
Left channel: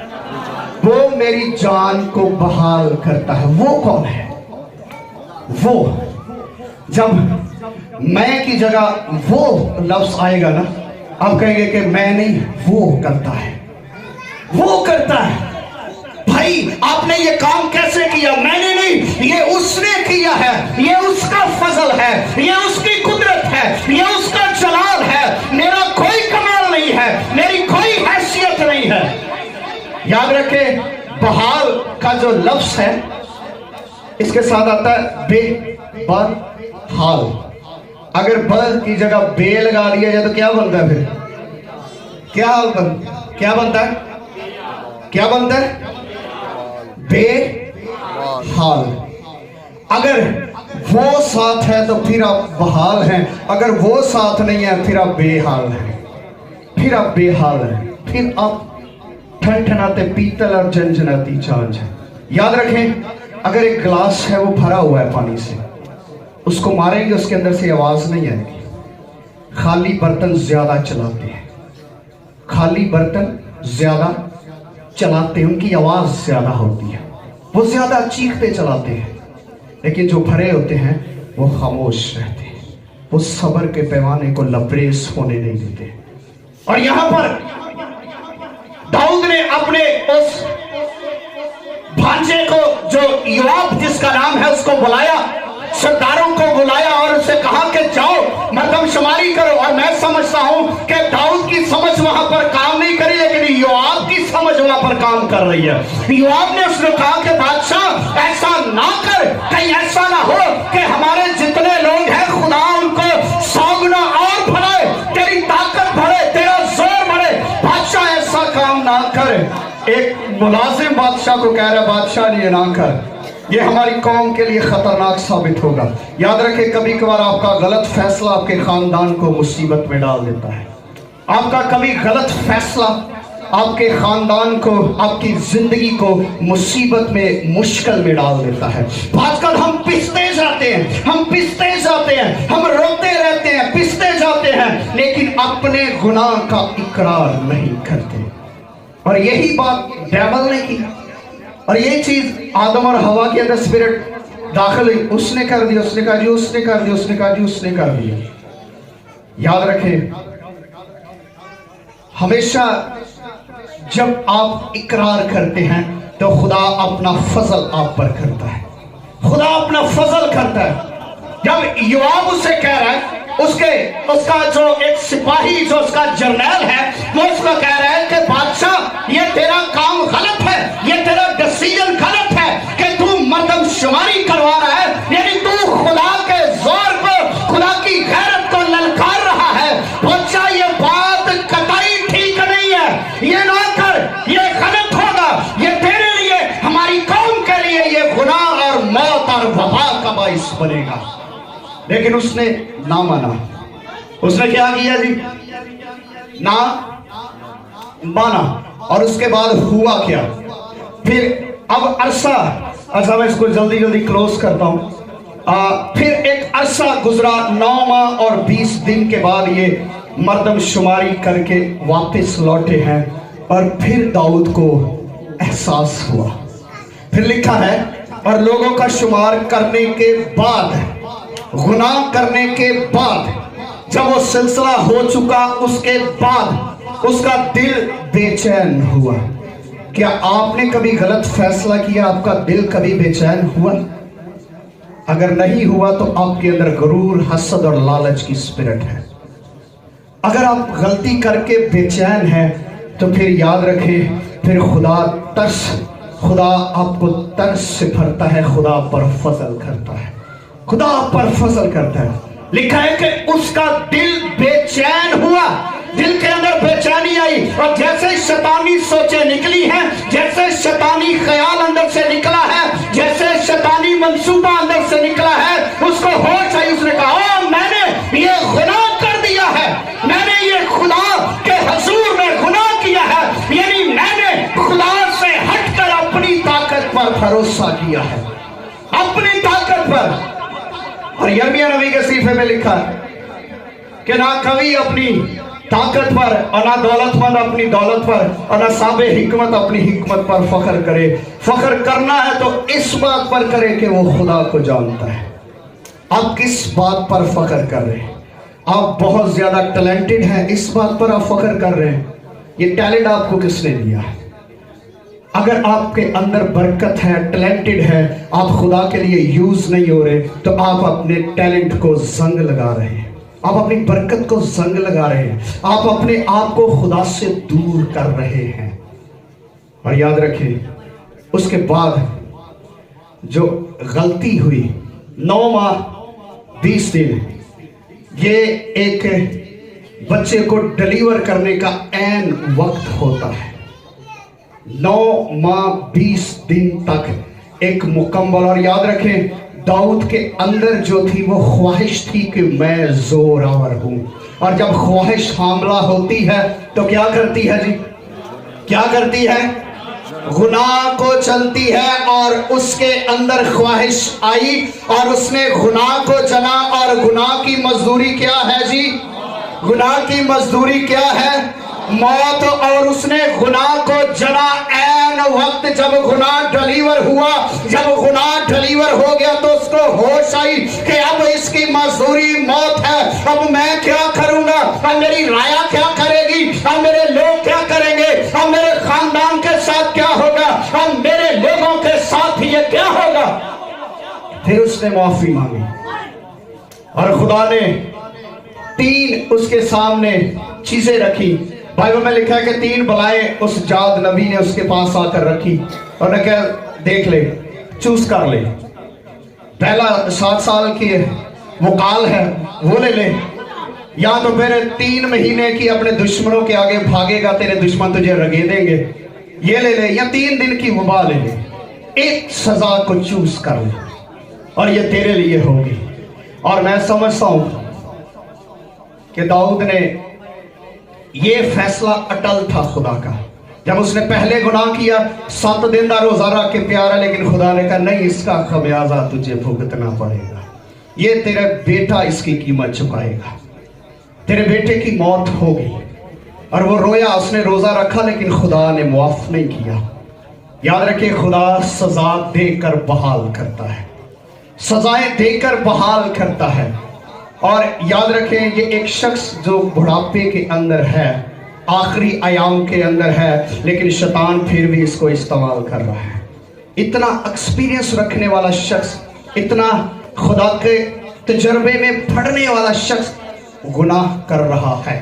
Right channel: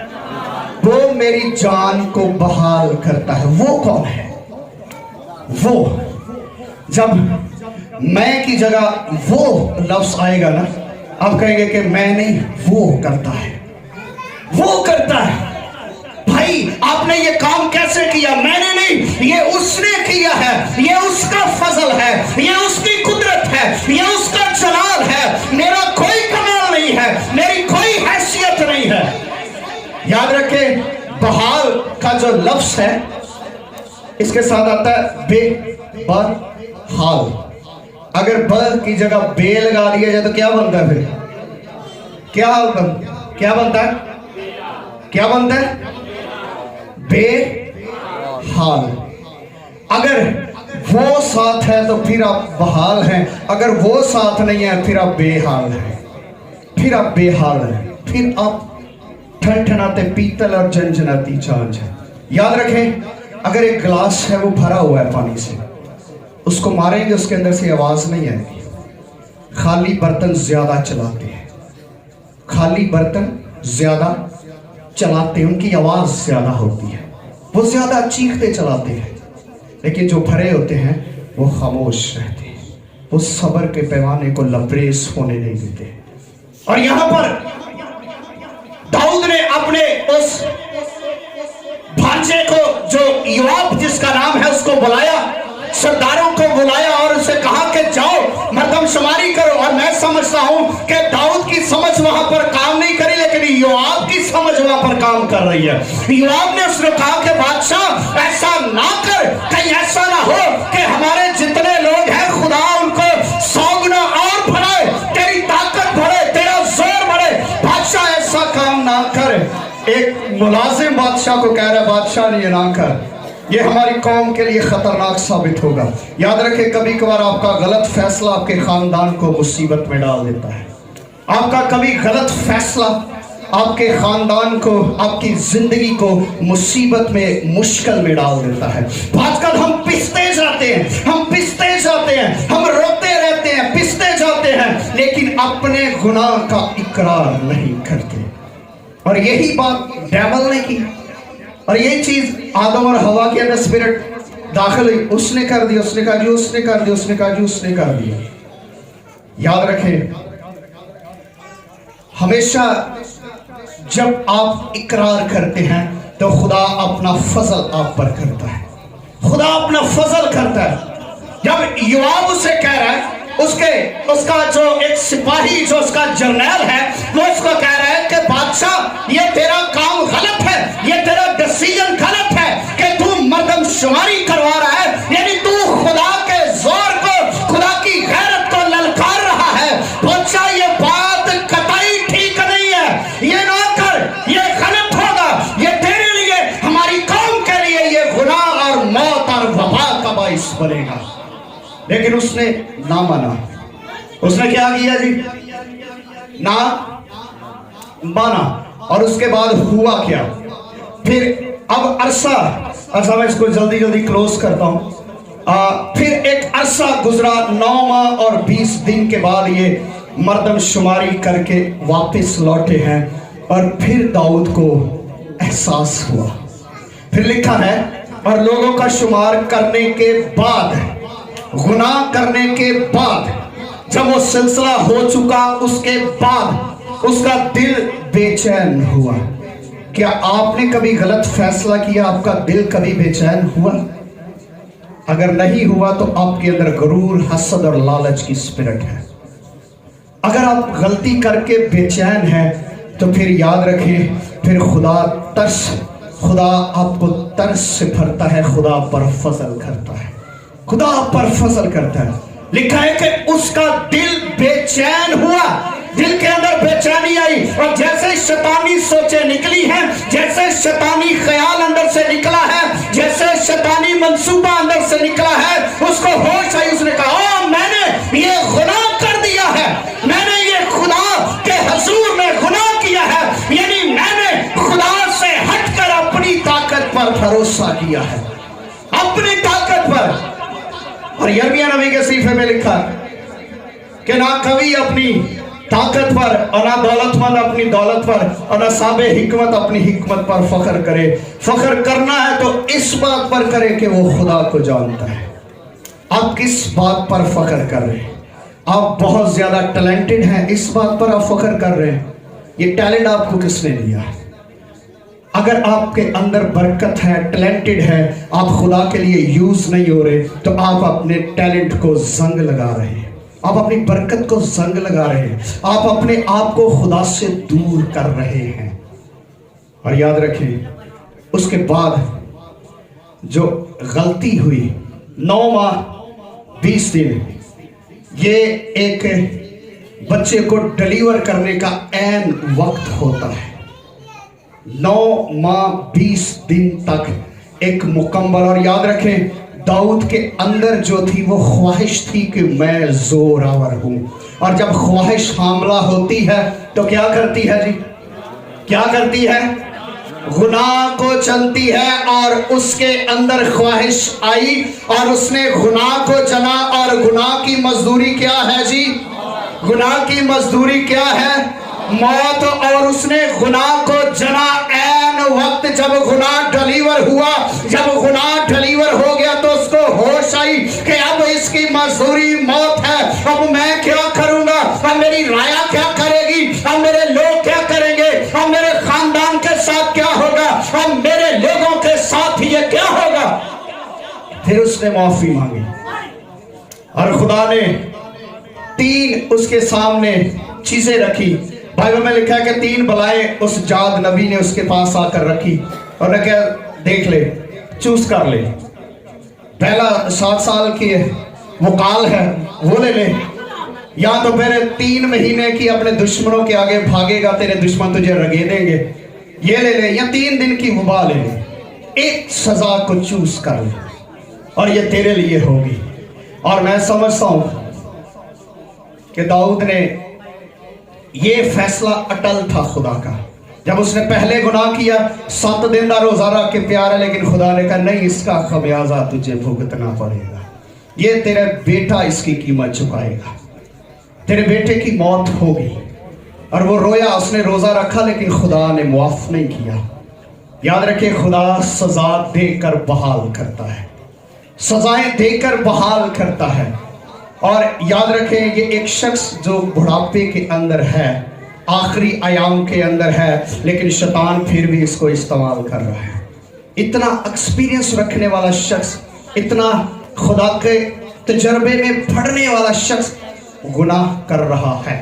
वो मेरी जान को बहाल करता है। वो कौन है? वो जब मैं की जगह वो लफ्ज आएगा ना, आप कहेंगे कि मैं नहीं, वो करता है, वो करता है। भाई आपने ये काम कैसे किया? मैंने नहीं, ये उसने किया है, ये उसका फजल है, ये उसकी कुदरत है, ये उसका जलाल है। मेरा कोई कमाल नहीं है, मेरी कोई हैसियत नहीं है। याद रखें, बहाल का जो लफ्ज है इसके साथ आता है बेबहाल। اگر ب کی جگہ بے لگا دیا جائے تو کیا بنتا ہے؟ پھر کیا بنتا ہے؟ کیا بنتا ہے؟ بے حال. اگر وہ ساتھ ہے تو پھر آپ بحال ہیں، اگر وہ ساتھ نہیں ہے پھر آپ بے حال ہیں، پھر آپ بے حال ہیں، پھر آپ ٹھنٹھناتے پیتل اور جنجناتی چاند ہیں. یاد رکھیں، اگر ایک گلاس ہے وہ بھرا ہوا ہے پانی سے، اس کو ماریں گے اس کے اندر سے آواز نہیں آئے گی. خالی برتن زیادہ چلاتے ہیں، خالی برتن زیادہ چلاتے ہیں، ان کی آواز زیادہ ہوتی ہے، وہ زیادہ چیختے چلاتے ہیں. لیکن جو بھرے ہوتے ہیں وہ خاموش رہتے ہیں، وہ صبر کے پیمانے کو لبریز ہونے نہیں دیتے. اور یہاں پر داؤد نے اپنے اس بھانجے کو جو یوآب جس کا نام ہے اس کو بلایا، سرداروں کو بلایا اور اسے کہا کہ جاؤ مردم شماری کرو. اور میں سمجھتا ہوں کہ داؤد کی سمجھ وہاں پر کام نہیں کری، لیکن یوآب کی سمجھ وہاں پر کام کر رہی ہے. یوآب نے اس نے کہا کہ بادشاہ ایسا نہ کر، کہیں ایسا نہ ہو کہ ہمارے جتنے لوگ ہیں خدا ان کو 100 گنا اور بڑھائے، تیری طاقت بڑھے، تیرا زور بڑھے. بادشاہ ایسا کام نہ کر. ایک ملازم بادشاہ کو کہہ رہا بادشاہ یہ نہ کر، یہ ہماری قوم کے لیے خطرناک ثابت ہوگا. یاد رکھیں کبھی کبھار آپ کا غلط فیصلہ آپ کے خاندان کو مصیبت میں ڈال دیتا ہے. آپ کا کبھی غلط فیصلہ آپ کے خاندان کو، آپ کی زندگی کو مصیبت میں، مشکل میں ڈال دیتا ہے. آج کل ہم پستے جاتے ہیں، ہم روتے رہتے ہیں، پستے جاتے ہیں، لیکن اپنے گناہ کا اقرار نہیں کرتے. اور یہی بات ڈیول نے کی، اور یہی چیز آدم اور حوا کے اندر اسپرٹ داخل ہوئی. اس نے کر دیا، اس نے کہا جی اس نے کر دیا، اس نے کہا جی اس نے کر دیا. یاد رکھیں ہمیشہ جب آپ اقرار کرتے ہیں تو خدا اپنا فضل آپ پر کرتا ہے، خدا اپنا فضل کرتا ہے. جب یوآب اسے کہہ رہا ہے، اس کا جو ایک سپاہی جو اس کا جرنیل ہے وہ اس کو کہہ رہا ہے کہ بادشاہ یہ تیرا کام غلط ہے، یہ تیرا ڈیسیژن غلط ہے کہ تو مردم شماری کروا رہا ہے، یعنی تو خدا کے زور کو، خدا کی غیرت کو للکار رہا ہے. بادشاہ یہ بات قطعی ٹھیک نہیں ہے، یہ نہ کر، یہ غلط ہوگا، یہ تیرے لیے، ہماری قوم کے لیے یہ گناہ اور موت اور وبا کا باعث بنے گا. لیکن اس نے نہ مانا. اس نے کیا کیا جی؟ نہ مانا. اور اس کے بعد ہوا کیا؟ پھر اب عرصہ میں اس کو جلدی کلوز کرتا ہوں. پھر ایک عرصہ گزرا، 9 ماہ اور 20 دن کے بعد یہ مردم شماری کر کے واپس لوٹے ہیں. اور پھر داؤد کو احساس ہوا. پھر لکھا ہے اور لوگوں کا شمار کرنے کے بعد، گناہ کرنے کے بعد، جب وہ سلسلہ ہو چکا اس کے بعد اس کا دل بے چین ہوا. کیا آپ نے کبھی غلط فیصلہ کیا؟ آپ کا دل کبھی بے چین ہوا؟ اگر نہیں ہوا تو آپ کے اندر غرور، حسد اور لالچ کی اسپرٹ ہے. اگر آپ غلطی کر کے بے چین ہیں تو پھر یاد رکھیں، پھر خدا آپ کو ترس سے بھرتا ہے، خدا پر فضل کرتا ہے، خدا پر فضل کرتا ہے. لکھا ہے کہ اس کا دل بے چین ہوا، دل کے اندر بے چینی آئی. اور جیسے شیطانی سوچیں نکلی ہیں، جیسے شیطانی خیال اندر سے نکلا ہے، جیسے شیطانی منصوبہ اندر سے نکلا ہے، اس کو ہوش آئی. اس نے کہا میں نے یہ گناہ کر دیا ہے، میں نے یہ خدا کے حضور میں گناہ کیا ہے، یعنی میں نے خدا سے ہٹ کر اپنی طاقت پر بھروسہ کیا ہے، اپنی طاقت پر. اور یرمیہ نبی کے صحیفے میں لکھا کہ نہ کبھی اپنی طاقت پر، اور نہ دولت مند اپنی دولت پر، اور نہ صاحب حکمت اپنی حکمت پر فخر کرے. فخر کرنا ہے تو اس بات پر کرے کہ وہ خدا کو جانتا ہے. آپ کس بات پر فخر کر رہے ہیں؟ آپ بہت زیادہ ٹیلنٹڈ ہیں، اس بات پر آپ فخر کر رہے ہیں؟ یہ ٹیلنٹ آپ کو کس نے دیا؟ اگر آپ کے اندر برکت ہے، ٹیلنٹڈ ہے، آپ خدا کے لیے یوز نہیں ہو رہے تو آپ اپنے ٹیلنٹ کو زنگ لگا رہے ہیں، آپ اپنی برکت کو زنگ لگا رہے ہیں، آپ اپنے آپ کو خدا سے دور کر رہے ہیں. اور یاد رکھیں اس کے بعد جو غلطی ہوئی، 9 ماہ 20 دن یہ ایک بچے کو ڈلیور کرنے کا عین وقت ہوتا ہے. 9 ماہ 20 دن تک ایک مکمل. اور یاد رکھیں داؤد کے اندر جو تھی وہ خواہش تھی کہ میں زورآور ہوں. اور جب خواہش حاملہ ہوتی ہے تو کیا کرتی ہے جی؟ کیا کرتی ہے؟ گناہ کو چلتی ہے. اور اس کے اندر خواہش آئی اور اس نے گناہ کو چلا. اور گناہ کی مزدوری کیا ہے جی؟ گناہ کی مزدوری کیا ہے؟ موت. اور اس نے گناہ کو جنا عین وقت جب گناہ ڈلیور ہوا. جب گناہ ڈلیور ہو گیا تو اس کو ہوش آئی کہ اب اس کی مزدوری موت ہے. اب میں کیا کروں گا؟ اب میری رایا کیا کرے گی؟ اب میرے لوگ کیا کریں گے؟ اب میرے خاندان کے ساتھ کیا ہوگا؟ اب میرے لوگوں کے ساتھ یہ کیا ہوگا؟ پھر اس نے معافی مانگی اور خدا نے 3 اس کے سامنے چیزیں رکھی. بائبل میں لکھا ہے کہ 3 بلائیں اس جاد نبی نے اس کے پاس آ کر رکھی اور نے کہا دیکھ لے، چوز کر لے. پہلا 7 سال کی وکال ہے وہ لے لے، یا تو پھر 3 مہینے کی اپنے دشمنوں کے آگے بھاگے گا، تیرے دشمن تجھے رگے دیں گے، یہ لے لے، یا 3 دن کی وبا لے لے. ایک سزا کو چوز کر لے اور یہ تیرے لیے ہوگی. اور میں سمجھتا ہوں کہ داؤد نے یہ فیصلہ اٹل تھا خدا کا. جب اس نے پہلے گناہ کیا 7 دن کا روزہ رکھ کے تیار ہے، لیکن خدا نے کہا نہیں، اس کا خمیازہ تجھے بھگتنا پڑے گا. یہ تیرے بیٹا اس کی قیمت چکائے گا. تیرے بیٹے کی موت ہوگی. اور وہ رویا، اس نے روزہ رکھا لیکن خدا نے معاف نہیں کیا. یاد رکھے خدا سزا دے کر بحال کرتا ہے، سزائیں دے کر بحال کرتا ہے. اور یاد رکھیں یہ ایک شخص جو بڑھاپے کے اندر ہے، آخری ایام کے اندر ہے، لیکن شیطان پھر بھی اس کو استعمال کر رہا ہے. اتنا ایکسپیرینس رکھنے والا شخص، اتنا خدا کے تجربے میں پڑھنے والا شخص گناہ کر رہا ہے.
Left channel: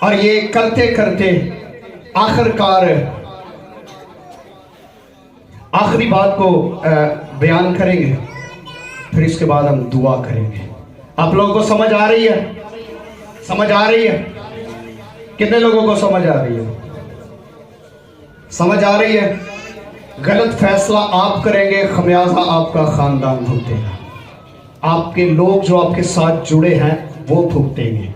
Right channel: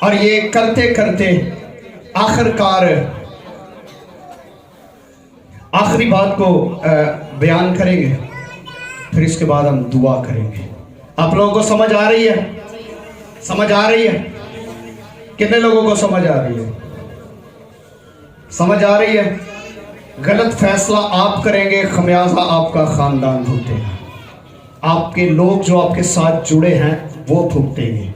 اور یہ کرتے کرتے آخرکار آخری بات کو بیان کریں گے، پھر اس کے بعد ہم دعا کریں گے. آپ لوگوں کو سمجھ آ رہی ہے؟ سمجھ آ رہی ہے؟ کتنے لوگوں کو سمجھ آ رہی ہے؟ سمجھ آ رہی ہے؟ غلط فیصلہ آپ کریں گے، خمیازہ آپ کا خاندان بھگتے گا. آپ کے لوگ جو آپ کے ساتھ جڑے ہیں وہ بھگتیں گے.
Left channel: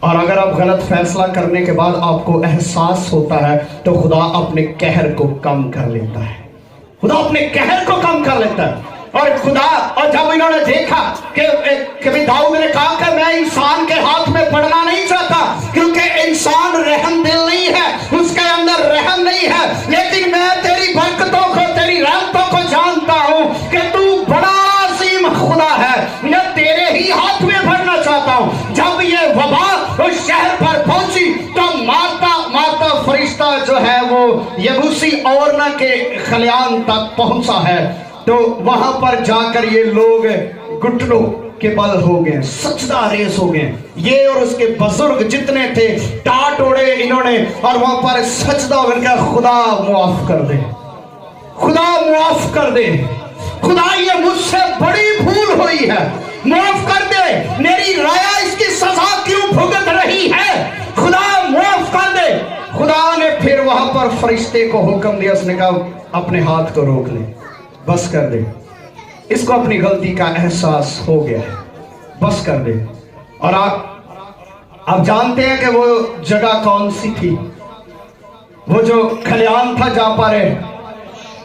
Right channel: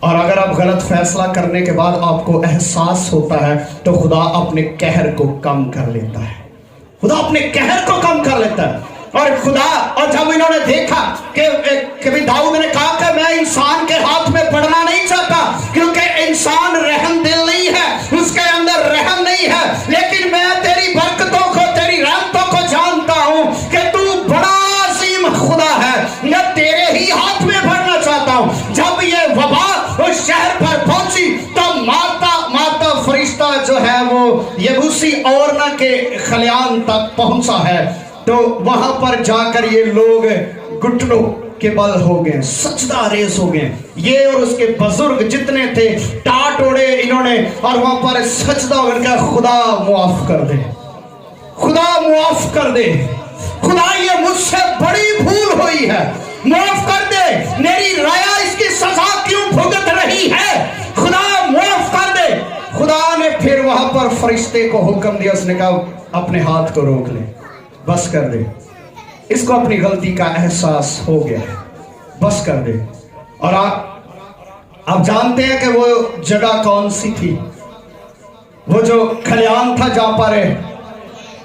اور اگر آپ غلط فیصلہ کرنے کے بعد آپ کو احساس ہوتا ہے تو خدا اپنے قہر کو کم کر لیتا ہے. خدا اپنے قہر کو کم کر لیتا ہے. اور جب انہوں نے دیکھا کہ داؤد نے کہا کہ میں انسان کے ہاتھ میں پڑنا نہیں چاہتا، کیونکہ انسان رحم دل نہیں ہے، اس کے اندر رحم نہیں ہے، لیکن میں تیری برکتوں کو، تیری رحمتوں کو جانتا ہوں کہ تو بڑا عظیم خدا ہے، میں تیرے ہی ہاتھ میں پڑنا چاہتا ہوں. جب یہ وبا اس شہر پر پہنچی تو ماتا فرشتہ جو ہے وہ یبوسی اورنا کے خلیان تک پہنچا ہے. تو وہاں پر جا کر یہ لوگ گھٹنوں کے بل ہو گئے، سجدہ ریز ہو گئے. یہ اور اس کے بزرگ جتنے تھے ٹاٹ اوڑے انہوں نے، اور وہاں پر سجدہ ہو گیا. خدا معاف کر دے، خدا معاف کر دے، خدا یہ مجھ سے بڑی بھول ہوئی ہے، معاف کر دے. میری رایا اس کی سزا کیوں بھگت رہی ہے؟ خدا معاف کر دے. خدا نے پھر وہاں پر فرشتے کو حکم دیا، اس نے کہا اپنے ہاتھ کو روک لے، بس کر دے. اس کو اپنی غلطی کا احساس ہو گیا ہے، بس کر دے. اور آپ جانتے ہیں کہ وہ جگہ کون سی تھی؟ وہ جو کھلیان تھا جہاں پر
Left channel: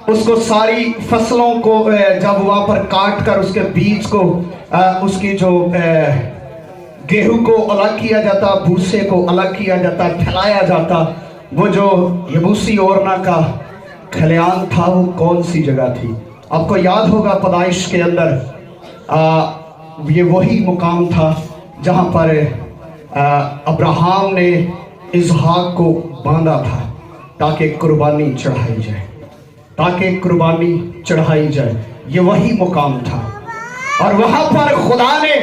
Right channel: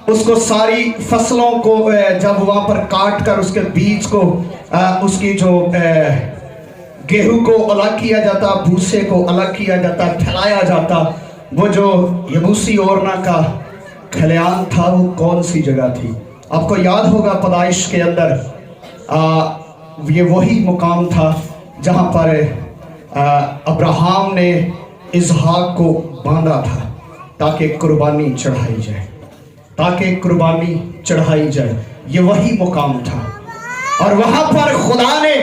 اس کو ساری فصلوں کو جب وہاں پر کاٹ کر اس کے بیج کو، اس کی جو گیہوں کو الگ کیا جاتا، بھوسے کو الگ کیا جاتا، پھیلایا جاتا، وہ جو یبوسی اورنا کا کھلیان تھا وہ کون سی جگہ تھی؟ آپ کو یاد ہوگا پیدائش کے اندر یہ وہی مقام تھا جہاں پر ابراہیم نے اسحاق کو باندھا تھا تاکہ قربانی چڑھائی جائے، تاکہ قربانی چڑھائی جائے. یہ وہی مقام تھا. اور وہاں پر خدا نے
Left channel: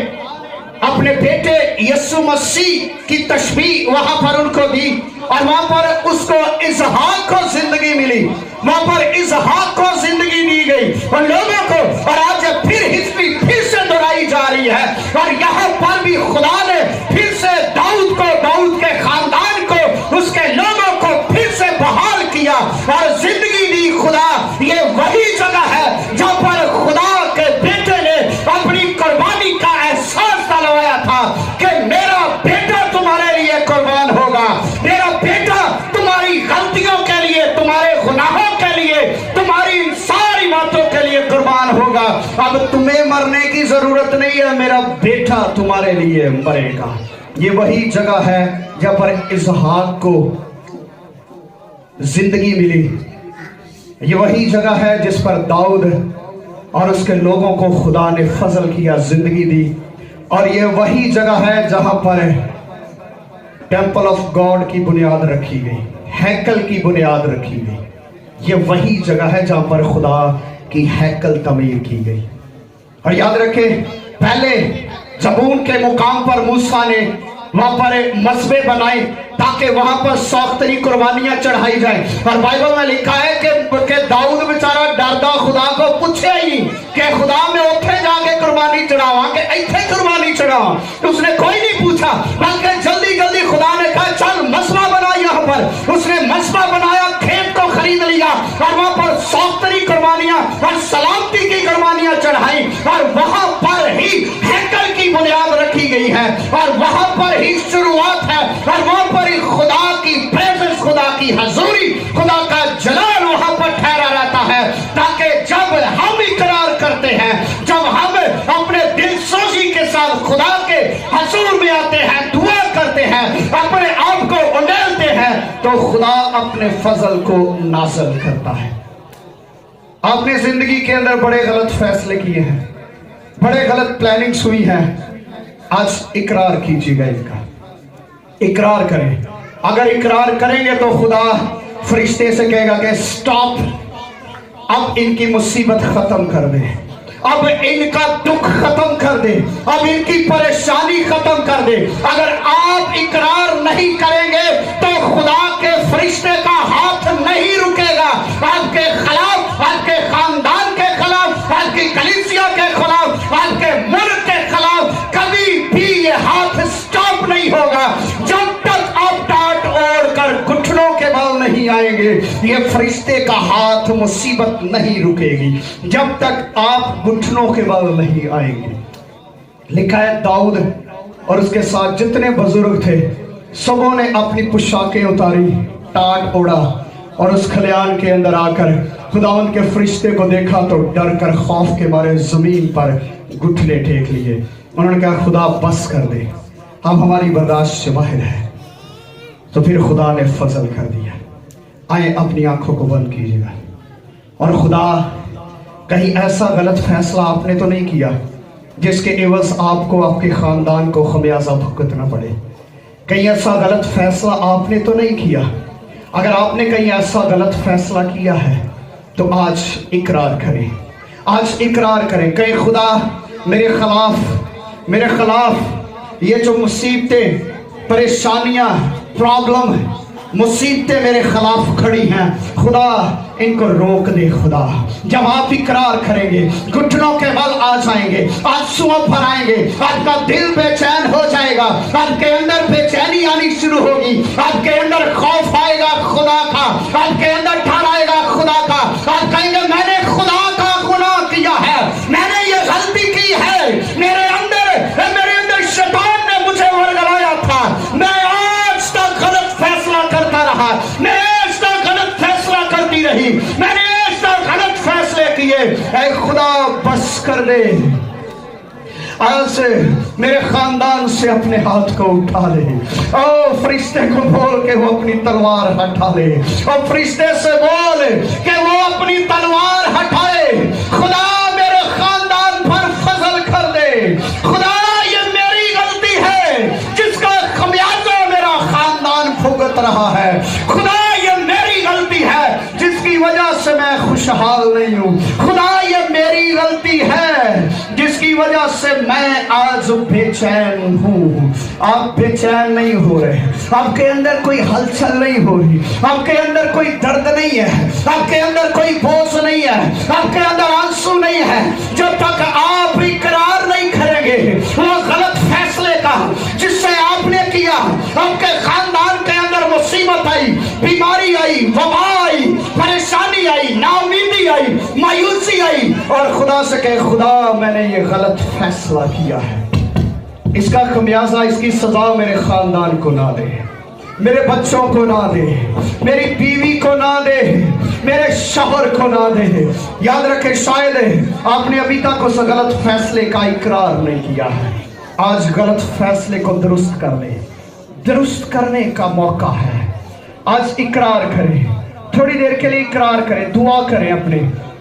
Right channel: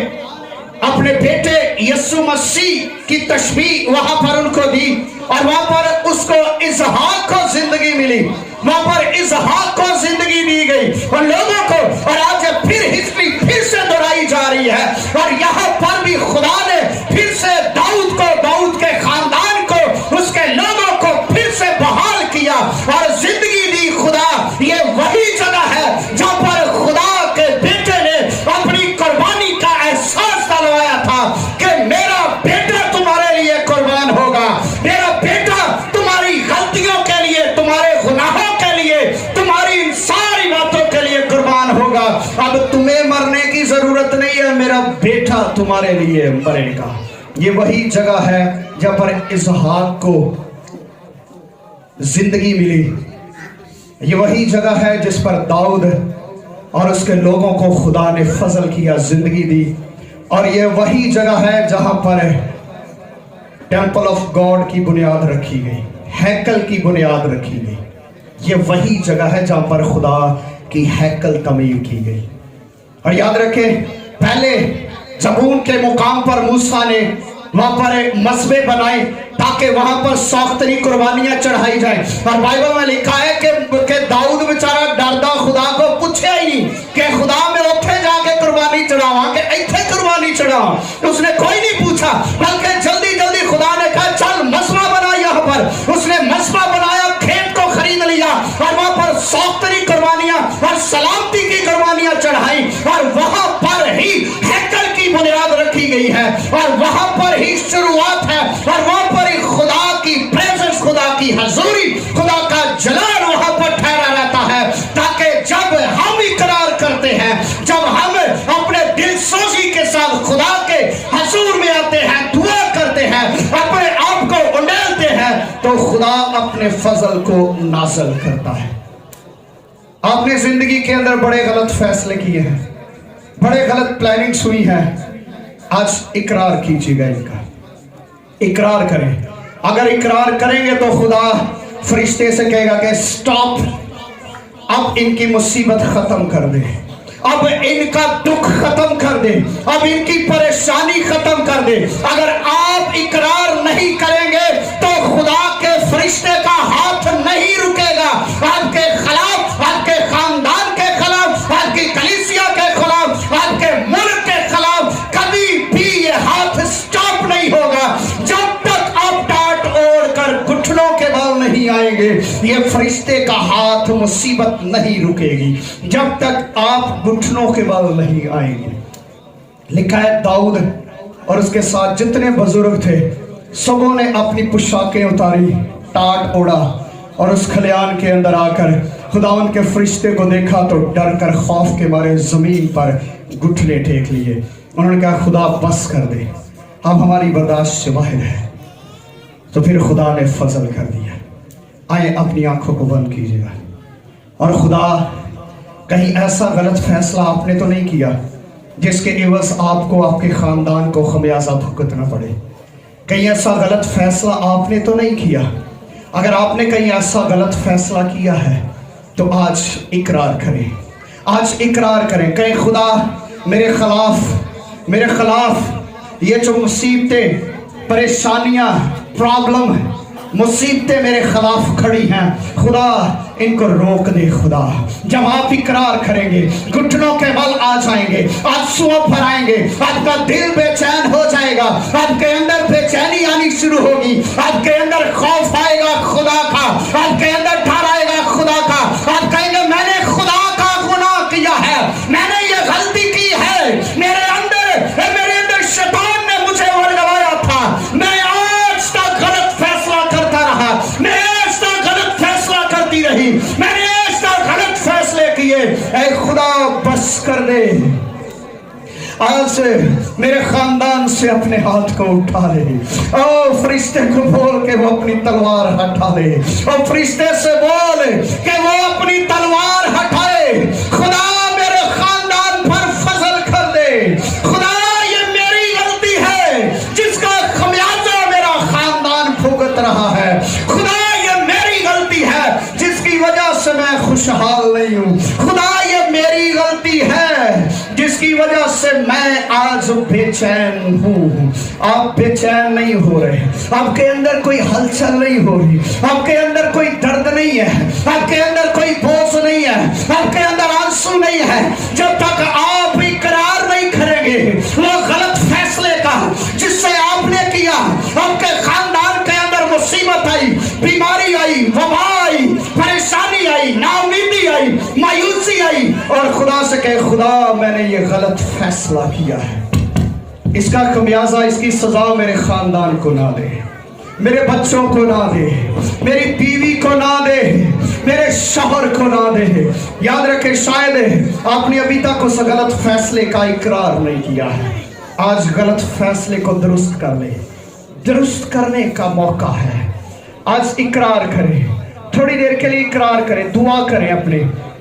اپنے بیٹے یسوع مسیح کی تشبیہ وہاں پر ان کو دی، اور وہاں پر اس کو اسحاق کو زندگی ملی، وہاں پر اسحاق کو زندگی دی گئی اور لوگوں کو. اور آج پھر ہسٹری پھر سے دہرائی جا رہی ہے और यहाँ पर भी खुदा ने फिर से दाऊद को, दाऊद के खानदान को, उसके लोगों को फिर से बहाल किया और जिंदगी दी। खुदा, ये वही जगह है जहाँ पर खुदा के बेटे ने अपनी कुर्बानी का एहसास दिलवाया था कि मेरा बेटा तुम्हारे लिए कुर्बान होगा, मेरा बेटा तुम्हारी गलतियों के लिए, तुम्हारे गुनाहों के लिए, तुम्हारी सारी बातों के लिए कुर्बान होगा। अब तुम्हें मरने की जरूरत नहीं है, मेरा बेटा तुम्हारे लिए मरेगा। ये वही जगह है जहाँ पर इसहाक को जिंदगी मिली। ये वही जगह है जिस पर दाऊद और उसके लोगों को खुदा ने फजल किया, जिंदगी दी। और ये वही जगह है जहां पर टेम्पल ऑफ गॉड की बुनियाद रखी गई, हैकल की बुनियाद रखी गई। ये वही जगह है जहां पर खुदा की हैकल तमीर की गई। और याद रखें, पहले जबून के मुकाम पर मूसा ने वहां पर मसबे बनाए ताकि वहां पर सौख्तरी कुर्बानियां चढ़ाई जाए। और बाइबल में लिखा है कि दाऊद बेचारा डरदा खुदा को पूछे ही नहीं कि खुदा मैं उठे जाके कुर्बानी चढ़ावा कि इथे कुर्बानी चढ़ावा। तो उसने कोई नहीं पूछा, बल्कि जल्दी जल्दी खुदा ने कहा चल मसबा बना यहाँ पर। उसने मसबा बनाया, खेत को खरीद लिया और वहां पर सौख्तरी कुर्बानियां और सलामती की कुर्बानियां चढ़ाई। और वहां पर ही हैकल की बुनियाद रखी गई है और वहां पर ही शुरुआत है और वहां पर ही खुदा की प्रेजेंस, खुदा की हजूरी, खुदा का जलाल वहां पर ठहरा रहता है। ताकि जब हम इकरार करते हैं, जब हम अपने दिल सोजी के साथ खुदा के हजूर में आते हैं, दुआ करते हैं, अपने आप को उंडेलते हैं, तो खुदा अपने फजल को नाज़िल करता है। आपने जिंदगी के अंदर बड़े गलत फैसले किए हैं, बड़े गलत प्लानिंग्स हुई हैं, आज इकरार कीजिएगा, इनका इकरार करें। अगर इकरार करेंगे तो खुदा फरिश्ते से कहेगा कि स्टॉप, अब इनकी मुसीबत खत्म कर दे, अब इनका दुख खत्म कर दे, अब इनकी परेशानी खत्म कर दे। अगर आप इकरार नहीं करेंगे तो खुदा के फरिश्ते का हाथ नहीं रुकेगा आपके खिलाफ, आपके खानदान के खिलाफ, आपकी कलीसिया के खिलाफ, आपके मुल्क के खिलाफ। कभी भी ये हाथ स्टॉप नहीं होगा जब तक आप टाट ओढ़ कर घुटनों के बल नहीं आएंगे। ये फरिश्ते का हाथ मुसीबत नहीं रुकेगी जब तक आप घुटनों के बल नहीं आएंगे। लिखा है दाऊद और उसके साथ जितने बुजुर्ग थे सबों ने अपनी पोशाकें उतारी, टाट ओढ़ा और उस खलियान के अंदर आकर खुदावन के फरिश्ते को देखा तो डर कर खौफ के मारे जमीन पर घुटने टेक लिए। उन्होंने कहा खुदा बस कर दे, अब हमारी बर्दाश्त से बाहर है। तो फिर खुदा ने फजल कर दिया। आए अपनी आंखों को बंद कीजिएगा। और खुदा, कहीं ऐसा गलत फैसला आपने तो नहीं किया जिसके एवज आपको, आपके खानदान को खमियाजा भुगतना पड़े? कहीं ऐसा गलत फैसला आपने तो नहीं किया? अगर आपने कहीं ऐसा गलत फैसला किया है तो आज इकरार करें, आज इकरार करें। कहीं खुदा मेरे खिलाफ ये जो मुसीबतें, परेशानियां, प्रॉब्लम, मुसीबतें मेरे खिलाफ खड़ी हैं, खुदा इनको रोक दे। खुदा, जब आप इकरार करेंगे, घुटनों के बल आ जाएंगे, आंसुओं भर आएंगे, आपका दिल बेचैन हो जाएगा, आपके अंदर बेचैनी आनी शुरू होगी, आपके अंदर खौफ आएगा खुदा का, आपके अंदर डर आएगा खुदा का। आप कहेंगे मैंने खुदा का गुनाह किया है, मैंने ये गलती की है, मेरे अंदर शैतान ने मुझे वर्गवाया था, मैं आज तक गलत फैसला करता रहा, मैं आज तक गलत फैसला करती रही, मैंने आज तक गलत फैसले किए। ऐ खुदा बस कर दे, आज से मेरे खानदान से अपने हाथ को उठा ले। ओ फरिश्ते को बोल के वो अपनी तलवार हटा ले, और फरिश्ते से बोल कि वो अपनी तलवार हटाए। खुदा मेरे खानदान पर फजल कर दे। खुदा जिसका खमियाजा मेरा खानदान भुगत रहा है, खुदा ये मेरी गलती है जिसकी वजह से मैं खुशहाल नहीं हूँ। खुदा ये मेरी गलती है जिसकी वजह से मैं आज बेचैन हूँ। आप बेचैन नहीं हो रहे, आपके अंदर कोई हलचल नहीं हो रही, आपके अंदर कोई दर्द नहीं है, आपके अंदर कोई बोझ नहीं है, आपके अंदर आंसू नहीं है। जब तक आप इकरार नहीं करेंगे जाएंगे वो गलत फैसले का जिससे आपने किया, आपके खानदान के अंदर मुसीबत आई, बीमारी आई, वबा आई, परेशानी आई, नाउमीदी आई, मायूसी आई, और खुदा से कहे खुदा मैंने ये गलत फैसला किया है, इसका खमियाजा, इसकी सजा मेरे खानदान को ना दे, मेरे बच्चों को ना दे, मेरी बीवी को ना दे, मेरे शौहर को ना दे। याद रखें, शायद आपने अभी तक उस गलत फैसले का इकरार नहीं किया है। आज गलत फैसले को दुरुस्त कर ले, दुरुस्त करने का मौका है। आज इकरार करें, थोड़ी देर के लिए इकरार करें, दुआ करें,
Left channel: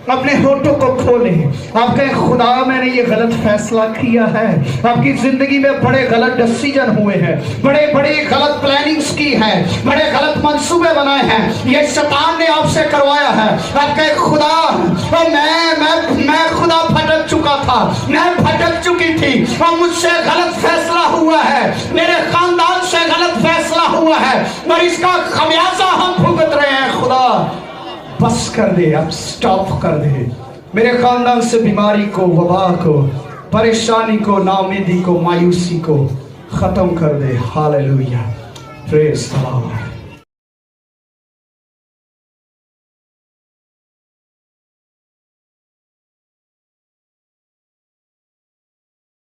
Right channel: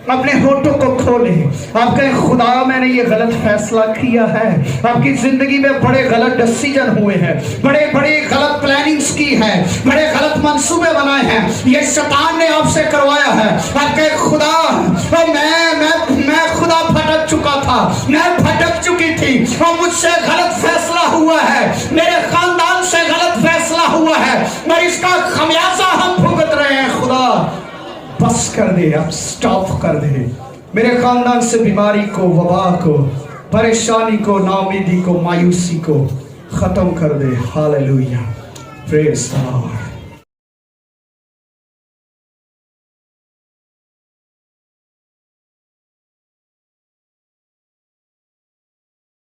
अपने होठों को खोलें। आप कहें खुदा मैंने ये गलत फैसला किया है, आपकी जिंदगी में बड़े गलत डिसीजन हुए हैं, बड़े बड़े गलत प्लानिंग्स की है, बड़े गलत मंसूबे बनाए हैं, ये शैतान ने आपसे करवाया है। आप कहें खुदा मैं खुदा भटक चुका था, मैं भटक चुकी थी और मुझसे गलत फैसला हुआ है, मेरे खानदान से गलत फैसला हुआ है और इसका खमियाजा हम भुगत रहे हैं। खुदा बस कर दे, अब स्टॉप कर दे, मेरे खानदान से बीमारी को, वबा को, परेशानी को, नाउमीदी को, मायूसी को खत्म कर दे। Hallelujah, praise the Lord.